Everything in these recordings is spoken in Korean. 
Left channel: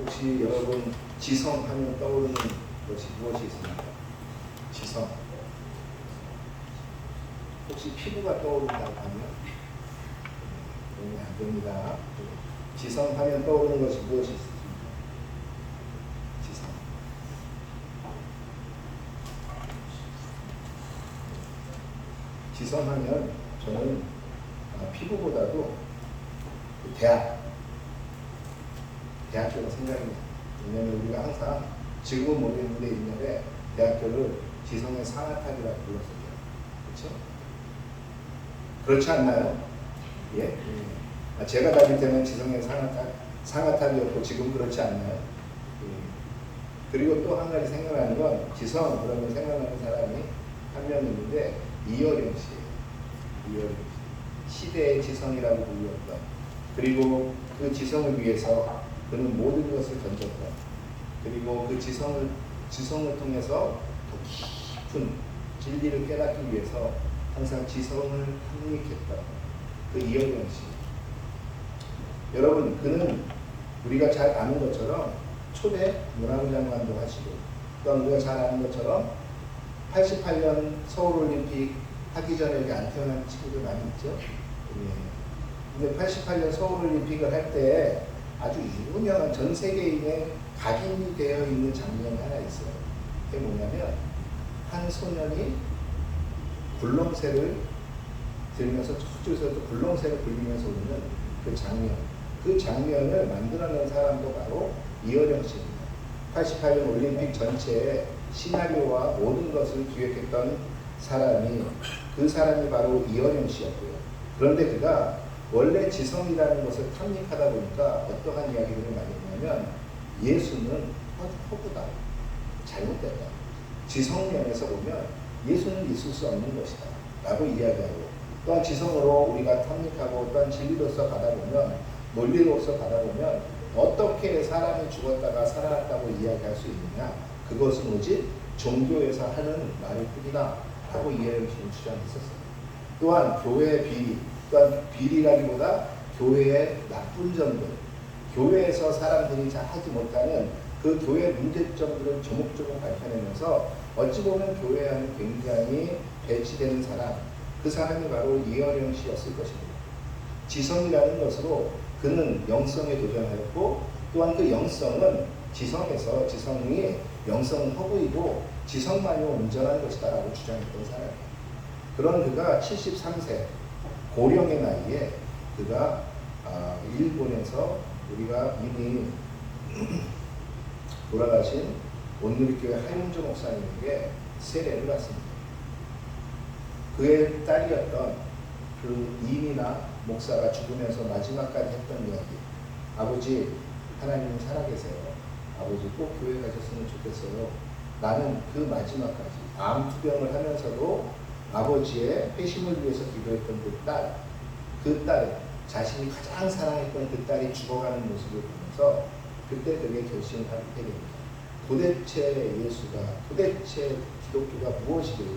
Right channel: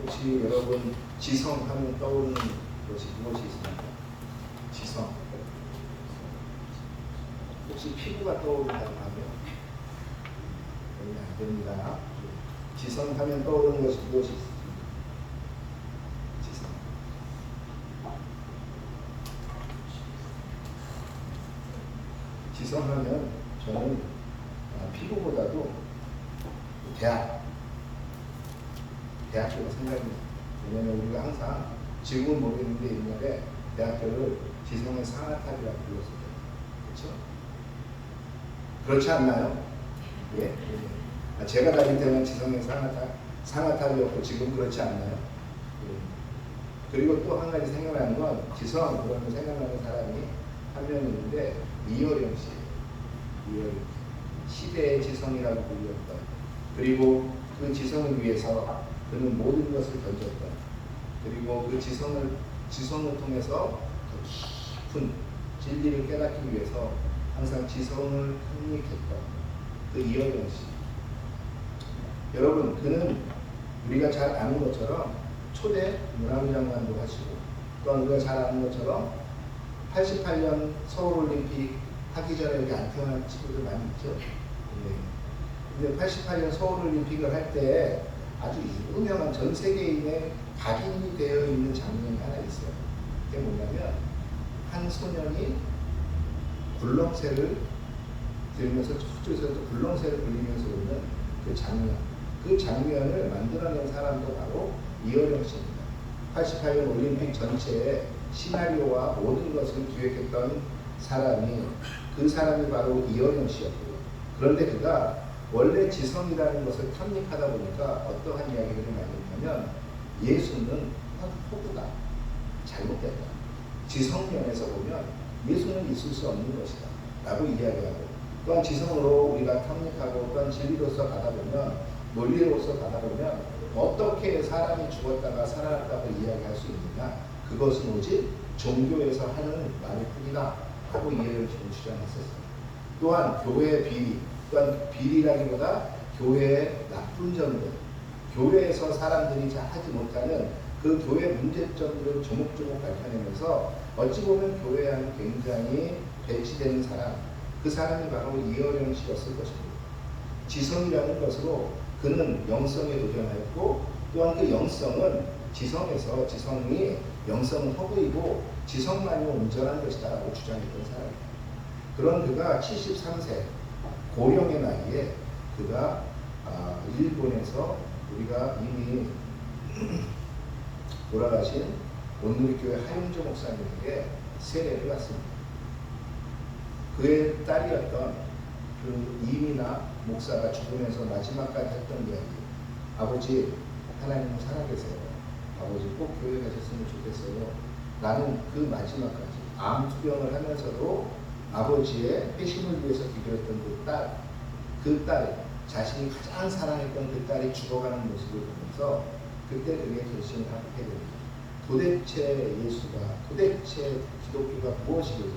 혹시 여러분 지성하면 떠오르는 것이 무엇이 있습니까? 지성. 혹시 피부가 떠오른다고 하면 도움이 안 됩니다. 지성하면 떠오르는 것이 무엇이 있습니까? 지성. 지성하면 저는 피부보다도 대학교가 생각이 나요. 왜냐하면 우리가 항상 지금은 모르겠는데 옛날에 대학교를 지성의 상아탑이라고 불렀었대요. 그렇죠? 그렇지 않나요? 예? 제가 다닐 때는 지성의 상아탑이었고 지금 그렇지 않나요? 예. 그리고 또 한 가지 생각나는 건 지성 그러면 생각나는 사람이 한 명 있는데 이어령 씨예요. 이어령 씨. 시대의 지성이라고 불렸던, 그리고 그 지성을 위해서 그는 모든 것을 던졌던, 그리고 그 지성을 통해서 더 깊은 진리를 깨닫기 위해서 항상 지성을 한입했던 그 이어령 씨. 여러분, 그는 우리가 잘 아는 것처럼 초대 문화부 장관도 하시고, 또한 우리가 잘 아는 것처럼 88년 서울올림픽 하기 전에 여기 안 태어난 친구들 많이 있죠. 근데 88년 서울올림픽을 할 때 아주 유명한 전 세계인의 각인이 되어 있는 장면이 하나 있어요. 그게 뭐냐면 한 소년이 굴렁쇠를 들면서 저쪽에서 또 굴렁쇠를 불리면서 오는 그 장면. 그 장면을 만들어낸 사람도 바로 이어령 씨입니다. 88년 올림픽 전체의 시나리오와 모든 것을 기획했던 사람이, 그 사람이 바로 이어령 씨였고요. 그런데 그가 원래 지성이라는 것을 탐닉하다 보니까 어떠한 이야기들을 많이 했냐면 예수는 허구다, 잘못됐다. 지성면에서 보면 예수는 있을 수 없는 것이다 라고 이야기하고, 또한 지성으로 우리가 탐닉하고 또한 진리로서 가다 보면, 논리로서 가다 보면 어떻게 사람이 죽었다가 살아났다고 이야기할 수 있느냐, 그것은 오직 종교에서 하는 말일 뿐이다 라고 이해를 주장했었어요. 또한 교회의 비리, 또한 비리라기보다 교회의 나쁜 점들, 교회에서 사람들이 잘 하지 못하는 그 교회 문제점들을 조목조목 밝혀내면서 어찌 보면 교회와는 굉장히 배치되는 사람, 그 사람이 바로 이어령 씨였을 것입니다. 지성이라는 것으로 그는 영성에 도전하였고, 또한 그 영성은 지성에서, 지성이 영성은 허구이고 지성만이 온전한 것이다 라고 주장했던 사람이에요. 그런 그가 73세 고령의 나이에 그가 일본에서 우리가 이미 돌아가신 온누리교회 하윤조 목사님에게 세례를 받습니다. 그의 딸이었던 그 이민아 목사가 죽으면서 마지막까지 했던 이야기, 아버지 하나님 살아계세요. 아버지 꼭 교회 가셨으면 좋겠어요. 나는 그 마지막까지 암투병을 하면서도 아버지의 회심을 위해서 기도했던 그 딸, 자신이 가장 사랑했던 그 딸이 죽어가는 모습을 보면서 그때 그게 결심을 하게 됩니다. 도대체 예수가, 도대체 기독교가 무엇이길래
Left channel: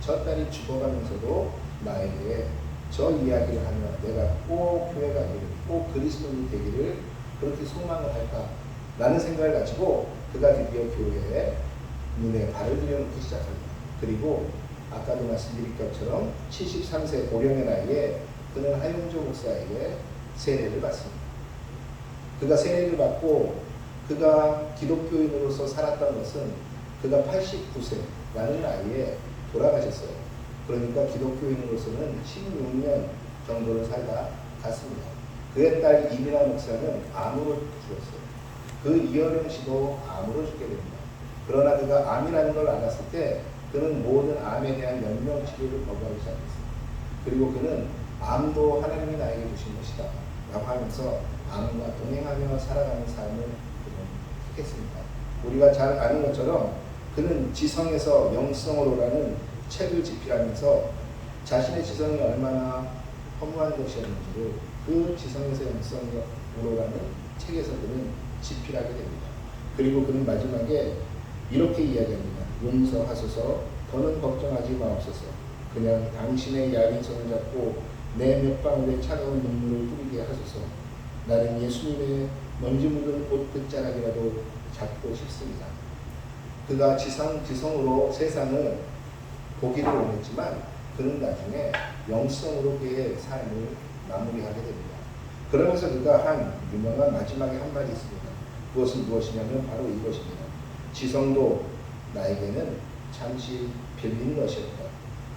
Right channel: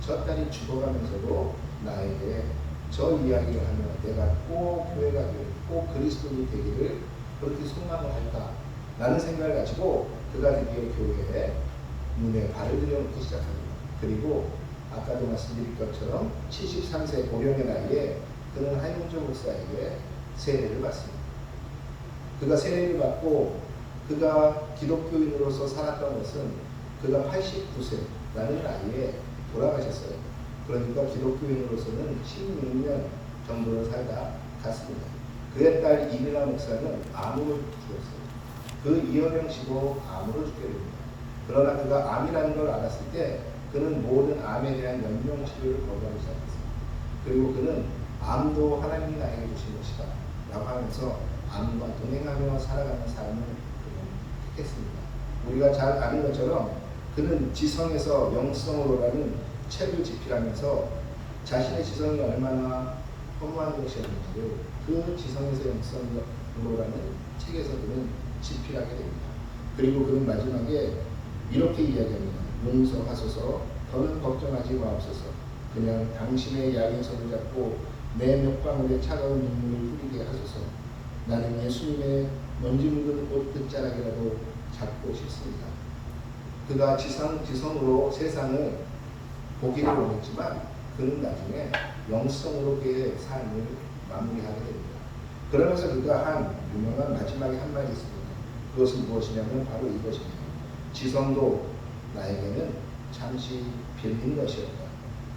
저 딸이 죽어가면서도 나에게 저 이야기를 하면 내가 꼭 교회 가기를, 꼭 그리스도인이 되기를 그렇게 소망을 할까? 라는 생각을 가지고 그가 드디어 교회에 눈에 발을 들여놓기 시작합니다. 그리고 아까도 말씀드린 것처럼 73세 고령의 나이에 그는 하윤조 목사에게 세례를 받습니다. 그가 세례를 받고 그가 기독교인으로서 살았던 것은 그가 89세라는 나이에 돌아가셨어요. 그러니까 기독교인으로서는 16년 정도를 살다 갔습니다. 그의 딸 이민아 목사는 암으로 죽었어요. 그 이어령 씨도 암으로 죽게 됩니다. 그러나 그가 암이라는 걸 알았을 때 그는 모든 암에 대한 연명치료를 거부하기 시작했어요. 그리고 그는 암도 하나님이 나에게 주신 것이다 라고 하면서 암과 동행하며 살아가는 삶을 그는 택했습니다. 우리가 잘 아는 것처럼 그는 지성에서 영성으로라는 책을 집필하면서 자신의 지성이 얼마나 허무한 것이었는지를 그 지성에서 영성으로라는 책에서 그는 집필하게 됩니다. 그리고 그는 마지막에 이렇게 이야기합니다. 용서하소서, 더는 걱정하지 마옵소서. 그냥 당신의 얇은 손을 잡고 내 몇 방울의 차가운 눈물을 뿌리게 하소서. 나는 예수님의 먼지 묻은 옷 끝자락이라도 잡고 싶습니다. 그가 지성으로 세상을 보기를 원했지만 그는 나중에 영성으로 그의 삶을 마무리하게 됩니다. 그러면서 그가 한 유명한 마지막에 한 말이 있습니다. 그것은 무엇이냐면 바로 이것입니다. 지성도 나에게는 잠시 빌린 것이었다.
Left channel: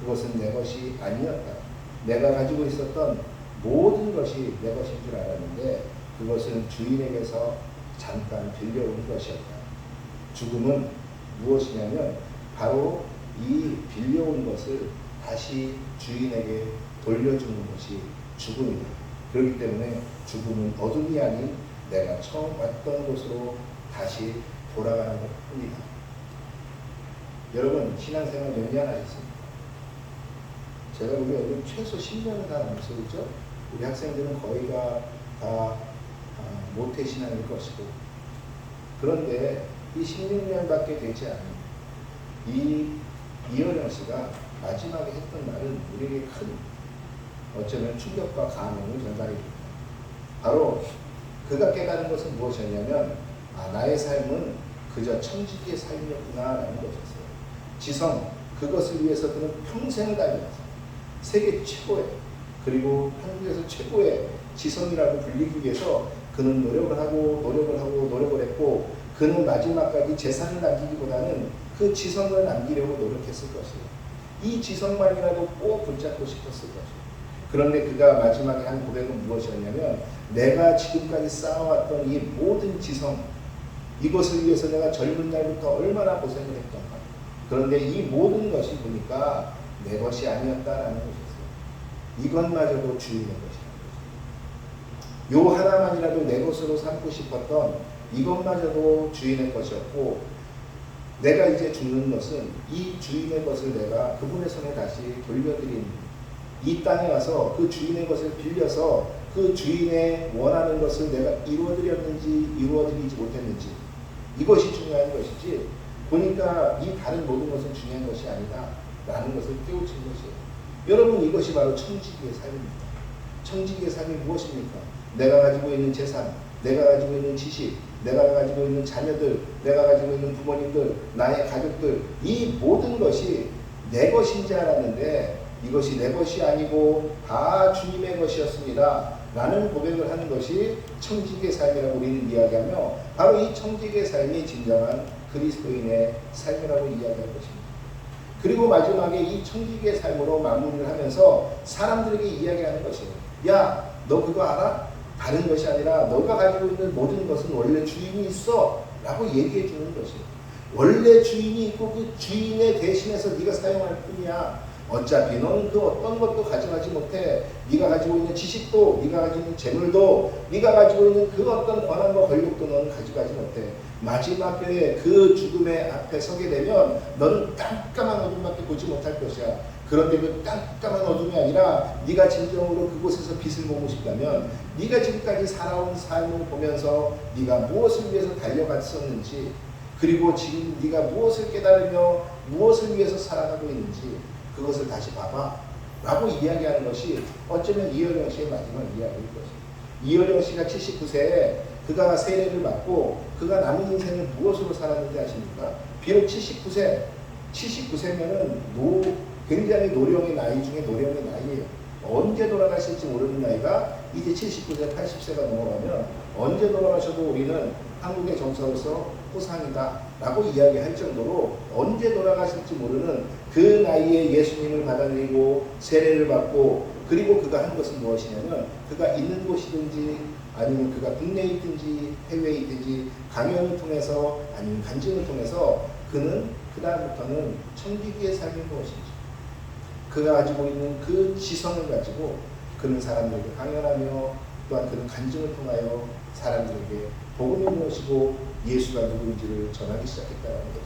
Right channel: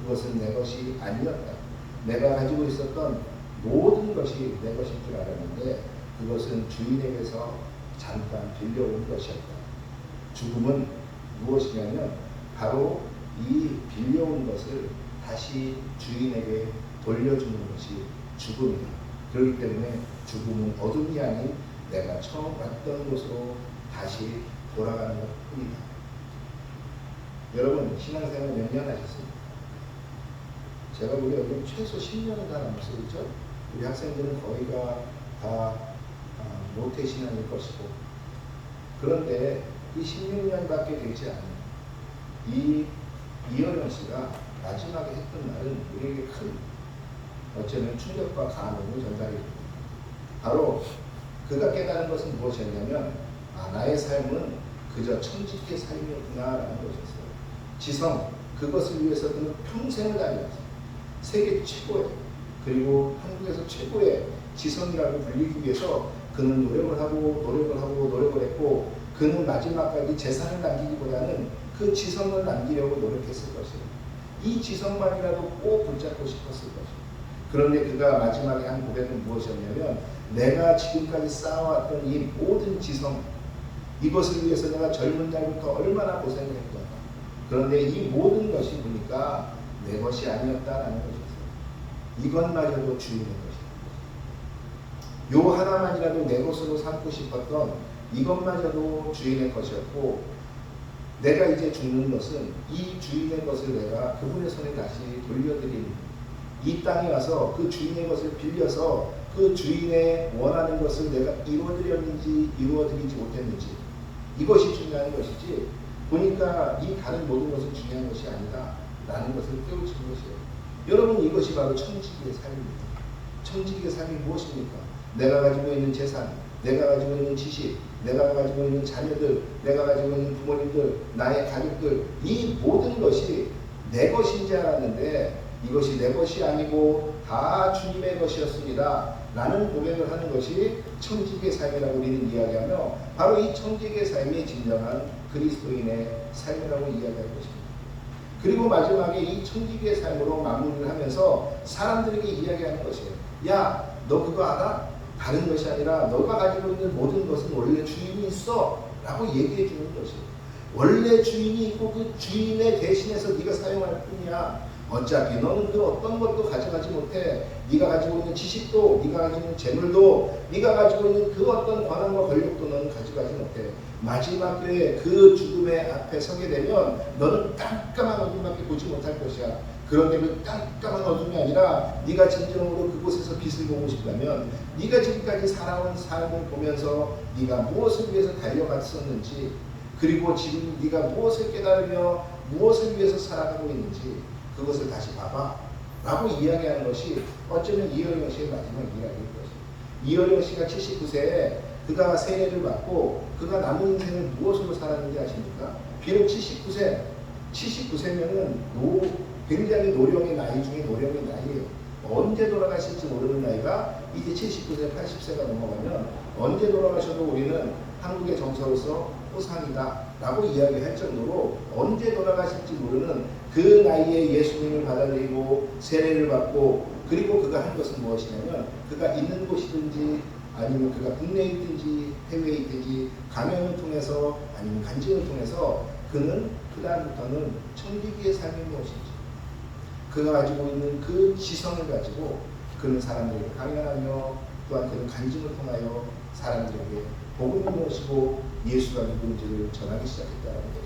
그것은 내 것이 아니었다. 내가 가지고 있었던 모든 것이 내 것인 줄 알았는데 그것은 주인에게서 잠깐 빌려온 것이었다. 죽음은 무엇이냐면 바로 이 빌려온 것을 다시 주인에게 돌려주는 것이 죽음이다. 그렇기 때문에 죽음은 어둠이 아닌 내가 처음 왔던 곳으로 다시 돌아가는 것 뿐이다. 여러분 신앙생활 몇 년 하셨습니까? 제가 우리 여기 최소 10년은 다 남았죠. 우리 학생들은 거의가 다 모태신앙일 것이고, 그런데 이 16년밖에 되지 않은 이 이어령 씨가 마지막에 했던 말은 우리에게 큰 어쩌면 충격과 감흥을 전달해줍니다. 바로 그가 깨달은 것은 무엇이었냐면 나의 삶은 그저 청지기의 삶이었구나라는 것이었어요. 지성, 그것을 위해서 그는 평생을 다녔어요. 세계 최고의, 그리고 한국에서 최고의 지성이라고 불리기 위해서 그는 노력을 했고, 그는 마지막까지 재산을 남기기보다는 그 지성을 남기려고 노력했을 것이에요. 이 지성만이라도 꼭 붙잡고 싶었을 것이에요. 그런데 그가 마지막에 한 고백은 무엇이었냐면 내가 지금까지 쌓아왔던 이 모든 지성, 이것을 위해서 내가 젊은 날부터 얼마나 고생을 했던가. 그런데 이 모든 것이 보니까 내 것이 아니었다라는 것이었어요. 이것마저도 주인의 것이라는 거죠. 요 하나만이라도 내 것으로 삼고 싶었던 이것마저도 주인의 것이었고, 내가 이제 죽는 것은 이 주인의 것을 내가 그분의 손에 다시 돌려드린, 이 땅에 와서 그 주인의 것을 빌려서 그 주인의 원하는 것을 내가 이루어드렸는지 이루어드리지 못했는지, 이것이 중요한 것이지 보니까 이 다른 모든 것은 중요한 것이 아니다 라는 것을 깨우치는 것이에요. 여러분, 이것이 바로 청지기의 삶입니다. 청지기의 삶이 무엇입니까? 내가 가지고 있는 재산, 내가 가지고 있는 지식, 내가 가지고 있는 자녀들, 내가 가지고 있는 부모님들, 나의 가족들, 이 모든 것이 내 것인 줄 알았는데 이것이 내 것이 아니고 다 주님의 것이었습니다 라는 고백을 하는 것이 청지기의 삶이라고 우리는 이야기하며, 바로 이 청지기의 삶이 진정한 그리스도인의 삶이라고 이야기할 것입니다. 그리고 마지막에 이 청지기의 삶으로 마무리를 하면서 사람들에게 이야기하는 것이에요. 야, 너 그거 알아? 다른 것이 아니라 너가 가지고 있는 모든 것은 원래 주인이 있어 라고 얘기해 주는 것이에요. 원래 주인이 있고 그 주인의 대신해서 네가 사용할 뿐이야. 어차피 너는 그 어떤 것도 가져가지 못해. 네가 가지고 있는 지식도, 네가 가지고 있는 재물도, 네가 가지고 있는 그 어떤 권한과 권력도 너는 가져가지 못해. 마지막 때에 그 죽음의 앞에 서게 되면 너는 깜깜한 어둠밖에 보지 못할 것이야. 그런데 그 깜깜한 어둠이 아니라 네가 진정으로 그곳에서 빛을 보고 싶다면 네가 지금까지 살아온 삶을 보면서 네가 무엇을 위해서 달려갔었는지, 그리고 지금 네가 무엇을 깨달으며 무엇을 위해서 살아가고 있는지 그것을 다시 봐봐 라고 이야기하는 것이 어쩌면 이어령 씨의 마지막 이야기일 것이에요. 이어령 씨가 79세에 그가 세례를 받고 그가 남은 인생을 무엇으로 살았는지 아십니까? 비록 79세면은 굉장히 노령의 나이 중에 노령의 나이예요. 언제 돌아가실지 모르는 나이가 이제 79세, 80세가 넘어가면 언제 돌아가셔도 우리는 한국의 정서로서 호상이다 라고 이야기할 정도로 언제 돌아가실지 모르는 그 나이에 예수님을 받아들이고 세례를 받고, 그리고 그가 한 것은 무엇이냐면 그가 있는 곳이든지 아니면 그가 국내에 있든지 해외에 있든지 강연을 통해서 아니면 간증을 통해서 그는 그 다음부터는 청지기의 삶이 무엇인지, 그가 가지고 있는 그 지성을 가지고 그는 사람들에게 강연하며 또한 그는 간증을 통하여 사람들에게 복음이 무엇이고 예수가 누구인지를 전하기 시작했다는 거죠.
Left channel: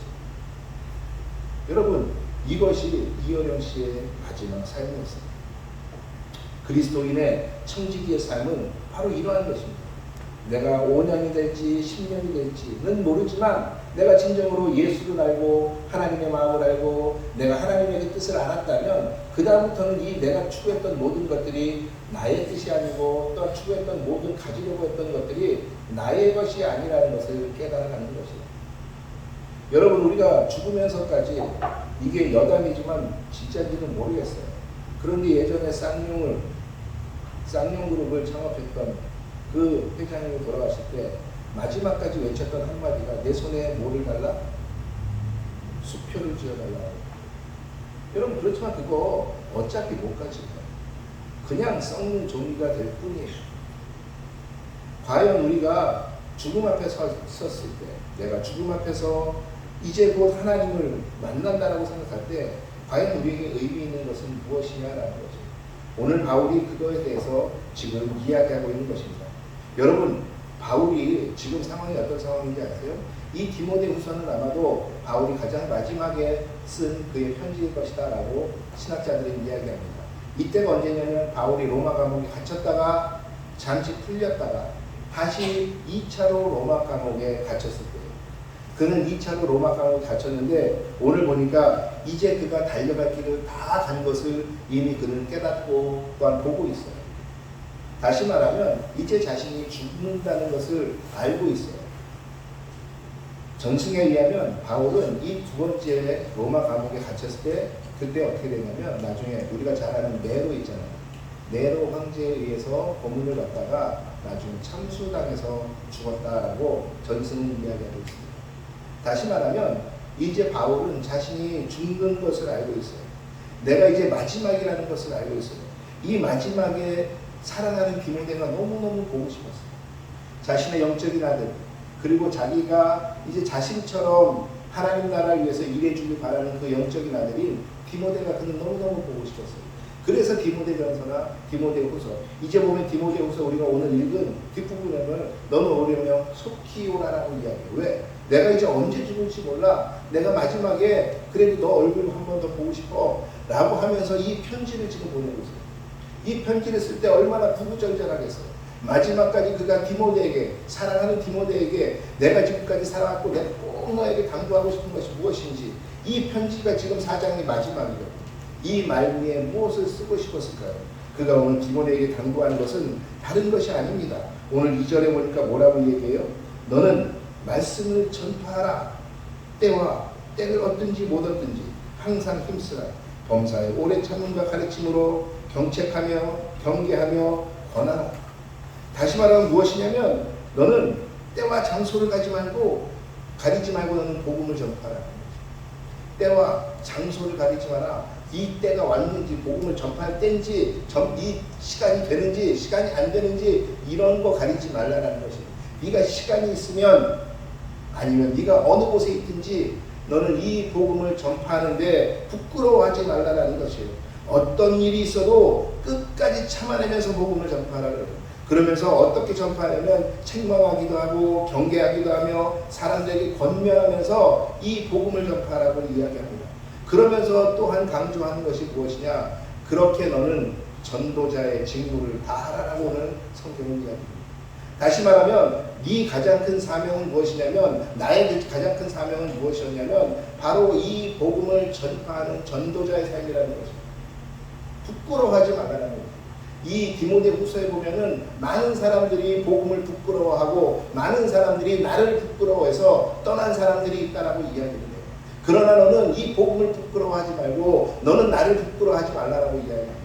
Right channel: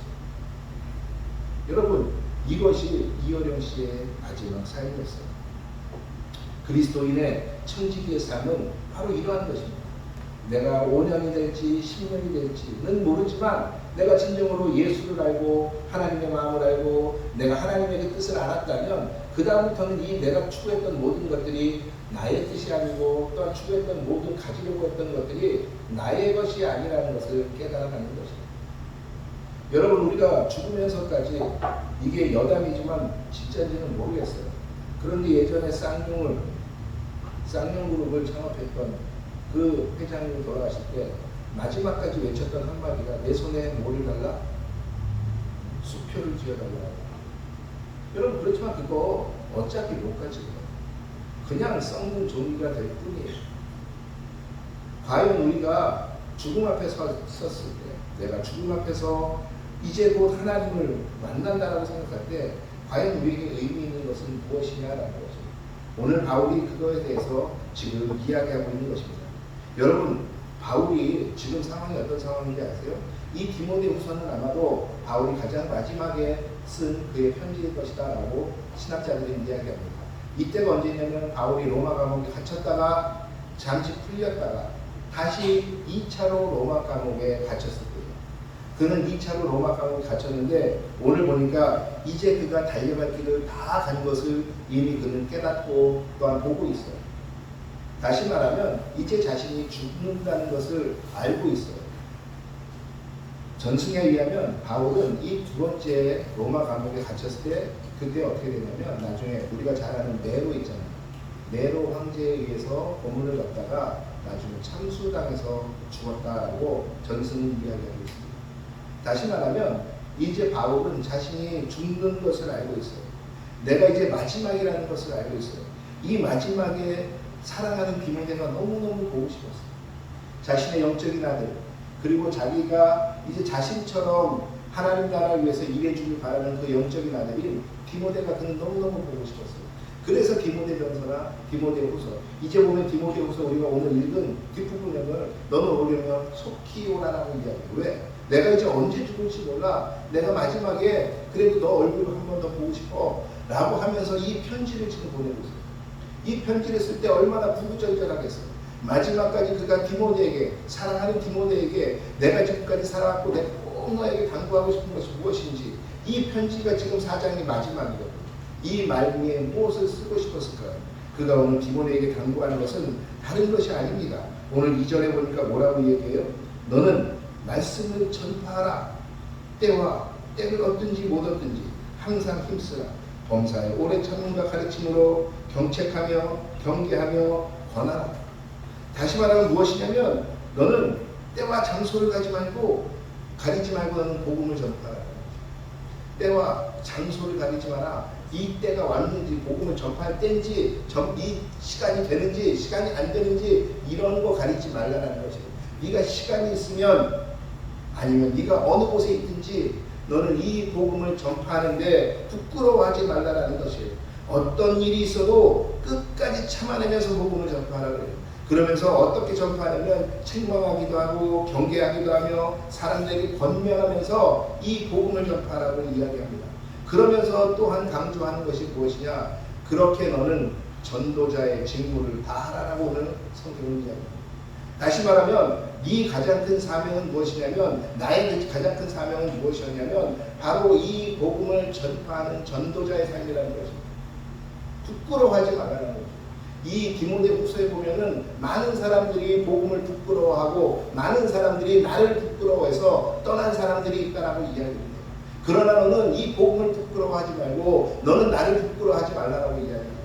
여러분, 이것이 이어령 씨의 마지막 삶이었어요. 그리스도인의 청지기의 삶은 바로 이러한 것입니다. 내가 5년이 될지 10년이 될지는 모르지만 내가 진정으로 예수를 알고 하나님의 마음을 알고 내가 하나님의 뜻을 알았다면 그 다음부터는 이 내가 추구했던 모든 것들이 나의 뜻이 아니고 또한 추구했던 모든 가지려고 했던 것들이 나의 것이 아니라는 것을 깨달아가는 것이에요. 여러분, 우리가 죽으면서까지 이게 여담이지만 진짜인지는 모르겠어요. 그런데 예전에 쌍용그룹을 창업했던 그 회장님이 돌아가실 때 마지막까지 외쳤던 한마디가 내 손에 뭐를 달라? 수표를 지어달라. 여러분, 그렇지만 그거 어차피 못 가지고요. 그냥 썩는 종이가 될 뿐이에요. 과연 우리가 죽음 앞에 섰을 때, 내가 죽음 앞에서 이제 곧 하나님을 만난다라고 생각할 때 과연 우리에게 의미 있는 것은 무엇이냐라는 거죠. 오늘 바울이 그거에 대해서 지금 이야기하고 있는 것입니다. 여러분, 바울이 지금 상황이 어떤 상황인지 아세요? 이 디모데후서는 아마도 바울이 가장 마지막에 쓴 그의 편지일 것이다 라고 신학자들은 이야기합니다. 이때가 언제냐면 바울이 로마 감옥에 갇혔다가 잠시 풀렸다가 다시 2차로 로마 감옥에 갇혔을 때예요. 그는 2차로 로마 감옥에 갇혔는데 오늘 보니까 이제 그가 달려갈 길을 다 간 것을 이미 그는 깨닫고 또한 보고 있어요. 다시 말하면 이제 자신이 죽는다는 것을 알고 있어요. 전승에 의하면 바울은 이 두 번째 로마 감옥에 갇혔을 때 그때 어떻게 되냐면 나중에 우리가 잘 아는 네로 있잖아요. 네로 황제에 의해서 고문을 받다가 나중에 참수당해서 죽었다라고 전승은 이야기하고 있습니다. 다시 말하면 이제 바울은 자신이 죽는 것을 알고 있어요. 내가 이제 마지막이라는 것을 알고 있어요. 이 마지막에 사랑하는 디모데가 너무너무 보고 싶었어요. 자신의 영적인 아들, 그리고 자기가 이제 자신처럼 하나님 나라를 위해서 일해주길 바라는 그 영적인 아들인 디모데가 그는 너무너무 보고 싶었어요. 그래서 디모데전서나 디모데후서, 이제 보면 디모데후서 우리가 오늘 읽은 뒷부분에는 너는 오려면 속히 오라라고 이야기해요. 왜? 내가 이제 언제 죽을지 몰라. 내가 마지막에 그래도 너 얼굴 한 번 더 보고 싶어 라고 하면서 이 편지를 지금 보내고 있어요. 이 편지를 쓸 때 얼마나 구구절절하겠어요. 마지막까지 그가 디모데에게, 사랑하는 디모데에게 내가 지금까지 살아왔고 내가 꼭 너에게 강구하고 싶은 것이 무엇인지, 이 편지가 지금 4장의 마지막이거든요. 이 말미에 무엇을 쓰고 싶었을까요? 그가 오늘 디모데에게 당부하는 것은 다른 것이 아닙니다. 오늘 2절에 보니까 뭐라고 얘기해요? 너는 말씀을 전파하라. 때를 얻든지 못 얻든지 항상 힘쓰라. 범사에 오래 참음과 가르침으로 경책하며 경계하며 권하라. 다시 말하면 무엇이냐면 너는 때와 장소를 가리지 말고 너는 복음을 전파하라. 때와 장소를 가리지 마라. 이 때가 왔는지, 복음을 전파할 때인지, 이 시간이 되는지 시간이 안 되는지 이런 거 가리지 말라는 것이에요. 네가 시간이 있으면 아니면 네가 어느 곳에 있든지 너는 이 복음을 전파하는데 부끄러워하지 말라는 것이에요. 어떤 일이 있어도 끝까지 참아내면서 복음을 전파하라고 해요. 그러면서 어떻게 전파하냐면 책망하기도 하고 경계하기도 하며 사람들에게 권면하면서 이 복음을 전파하라고 이야기합니다. 그러면서 또한 강조하는 것이 무엇이냐? 그렇게 너는 전도자의 직무를 다하라고 오늘 성경은 이야기합니다. 다시 말하면 네 가장 큰 사명은 무엇이냐면, 나의 가장 큰 사명은 무엇이었냐면 바로 이 복음을 전파하는 전도자의 삶이라는 것입니다. 부끄러워하지 말라는 거예요. 이 디모데후서에 보면은 많은 사람들이 복음을 부끄러워하고 많은 사람들이 나를 부끄러워해서 떠난 사람들이 있다라고 이야기합니다. 그러나 너는 이 복음을 부끄러워하지 말고 너는 나를 부끄러워하지 말라라고 이야기합니다.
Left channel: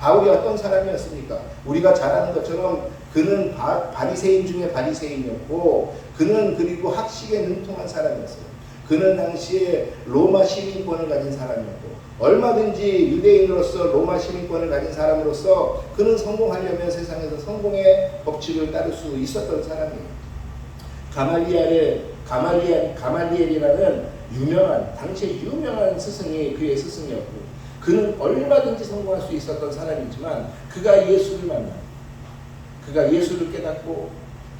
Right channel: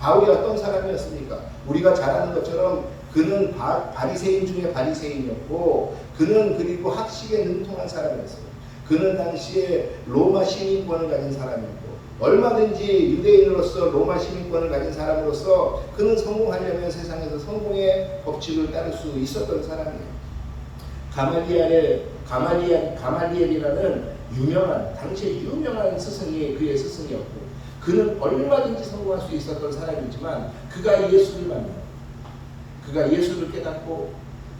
바울이 어떤 사람이었습니까? 우리가 잘 아는 것처럼 그는 바리새인 중에 바리새인이었고 그는 그리고 학식에 능통한 사람이었어요. 그는 당시에 로마 시민권을 가진 사람이었고 얼마든지 유대인으로서 로마 시민권을 가진 사람으로서 그는 성공하려면 세상에서 성공의 법칙을 따를 수 있었던 사람이에요. 가말리엘이라는 당시에 유명한 스승이 그의 스승이었고 그는 얼마든지 성공할 수 있었던 사람이지만 그가 예수를 만나고 그가 예수를 깨닫고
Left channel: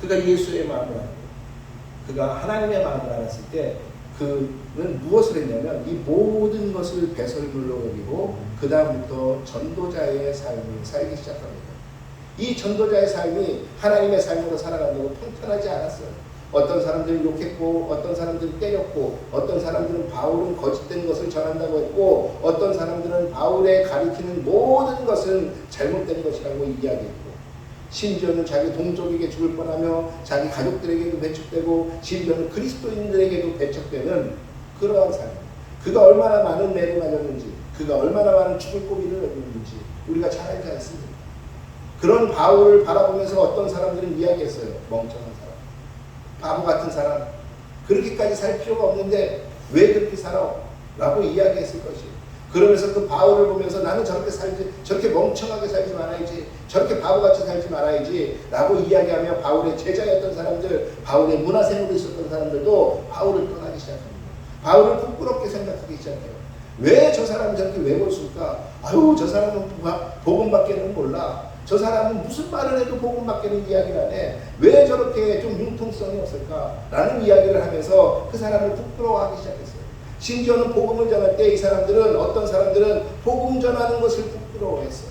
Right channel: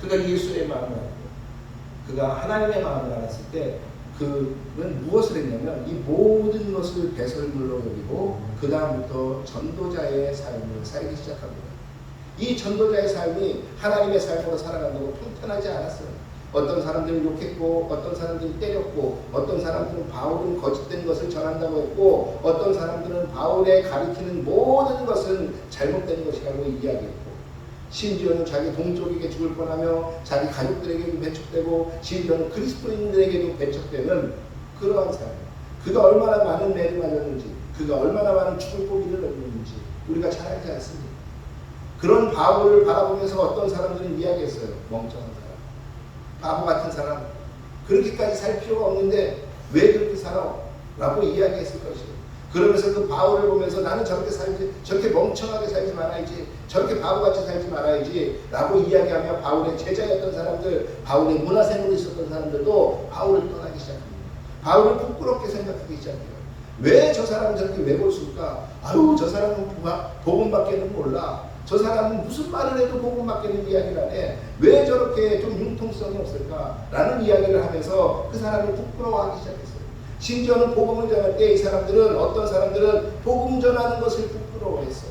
그가 예수의 마음을 알고 그가 하나님의 마음을 알았을 때 그는 무엇을 했냐면 이 모든 것을 배설물로 여기고 그 다음부터 전도자의 삶을 살기 시작합니다. 이 전도자의 삶이 하나님의 삶으로 살아간다고 평탄하지 않았어요. 어떤 사람들은 욕했고, 어떤 사람들은 때렸고, 어떤 사람들은 바울은 거짓된 것을 전한다고 했고, 어떤 사람들은 바울의 가리키는 모든 것은 잘못된 것이라고 이야기했고, 심지어는 자기 동족에게 죽을 뻔하며 자기 가족들에게도 배척되고 심지어는 그리스도인들에게도 배척되는 그러한 삶. 그가 얼마나 많은 매를 맞았는지, 그가 얼마나 많은 죽을 고비를 얻었는지 우리가 잘 알지 않습니까? 그런 바울을 바라보면서 어떤 사람들은 이야기했어요. 멍청한 사람, 바보 같은 사람, 그렇게까지 살 필요가 없는데 왜 그렇게 살아? 라고 이야기했을 것이에요. 그러면서 그 바울을 보면서 나는 저렇게 살지, 저렇게 멍청하게 살지 말아야지, 저렇게 바보같이 살지 말아야지 라고 이야기하며 바울의 제자였던 사람들, 바울의 문화생으로 있었던 사람들도 바울을 떠나기 시작합니다. 바울을 부끄럽게 생각하기 시작해요. 왜 저 사람은 저렇게 외골수일까? 아유, 저 사람은 복음밖에는 몰라. 저 사람은 무슨 말을 해도 복음밖에는 이야기를 안 해. 왜 저렇게 좀 융통성이 없을까? 라는 이야기를 하면서 그 사람을 부끄러워하기 시작했어요. 심지어는 복음을 전할 때 이 사람들은, 어떤 사람들은 복음 전하는 것을 부끄러워했어요.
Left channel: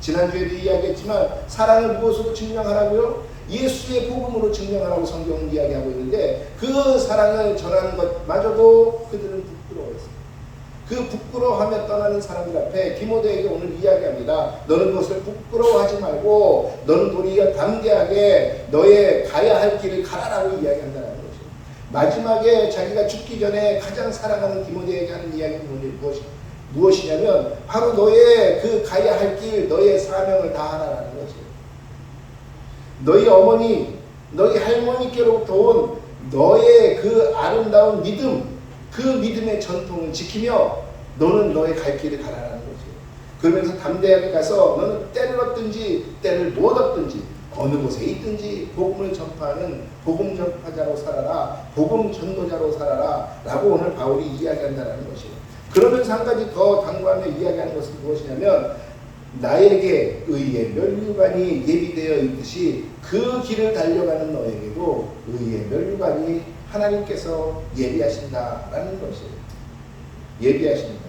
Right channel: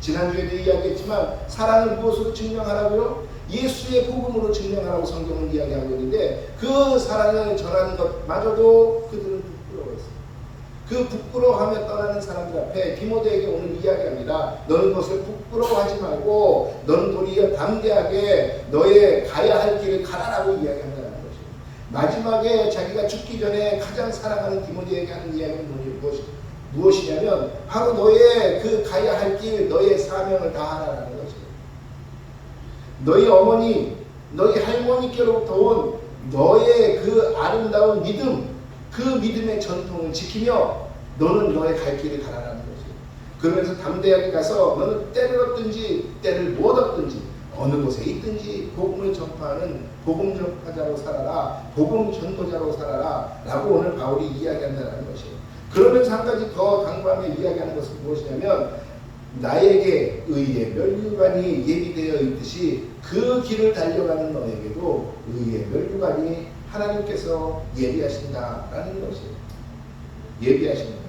지난주에도 이야기했지만 사랑을 무엇으로 증명하라고요? 예수의 복음으로 증명하라고 성경은 이야기하고 있는데 그 사랑을 전하는 것마저도 그들은 부끄러워했어요. 그 부끄러워하며 떠나는 사람들 앞에 디모데에게 오늘 이야기합니다. 너는 그것을 부끄러워하지 말고 너는 도리어 담대하게 너의 가야 할 길을 가라라고 이야기한다는 거죠. 마지막에 자기가 죽기 전에 가장 사랑하는 디모데에게 하는 이야기는 무엇이냐면 바로 너의 그 가야 할 길, 너의 사명을 다하라는 거죠. 너희 어머니, 너희 할머니께로부터 온 너의 그 아름다운 믿음, 그 믿음의 전통을 지키며 너는 너의 갈 길을 가라라는 거죠. 그러면서 담대하게 가서 너는 때를 얻든지 때를 못 얻든지 어느 곳에 있든지 복음을 전파하는 복음 전파자로 살아라, 복음 전도자로 살아라 라고 오늘 바울이 이야기한다는 것이에요. 그러면서 한 가지 더 강구하며 이야기하는 것은 무엇이냐면 나에게 의의 면류관이 예비되어 있듯이 그 길을 달려가는 너에게도 의의 면류관이 하나님께서 예비하신다라는 것이에요. 예비하십니다.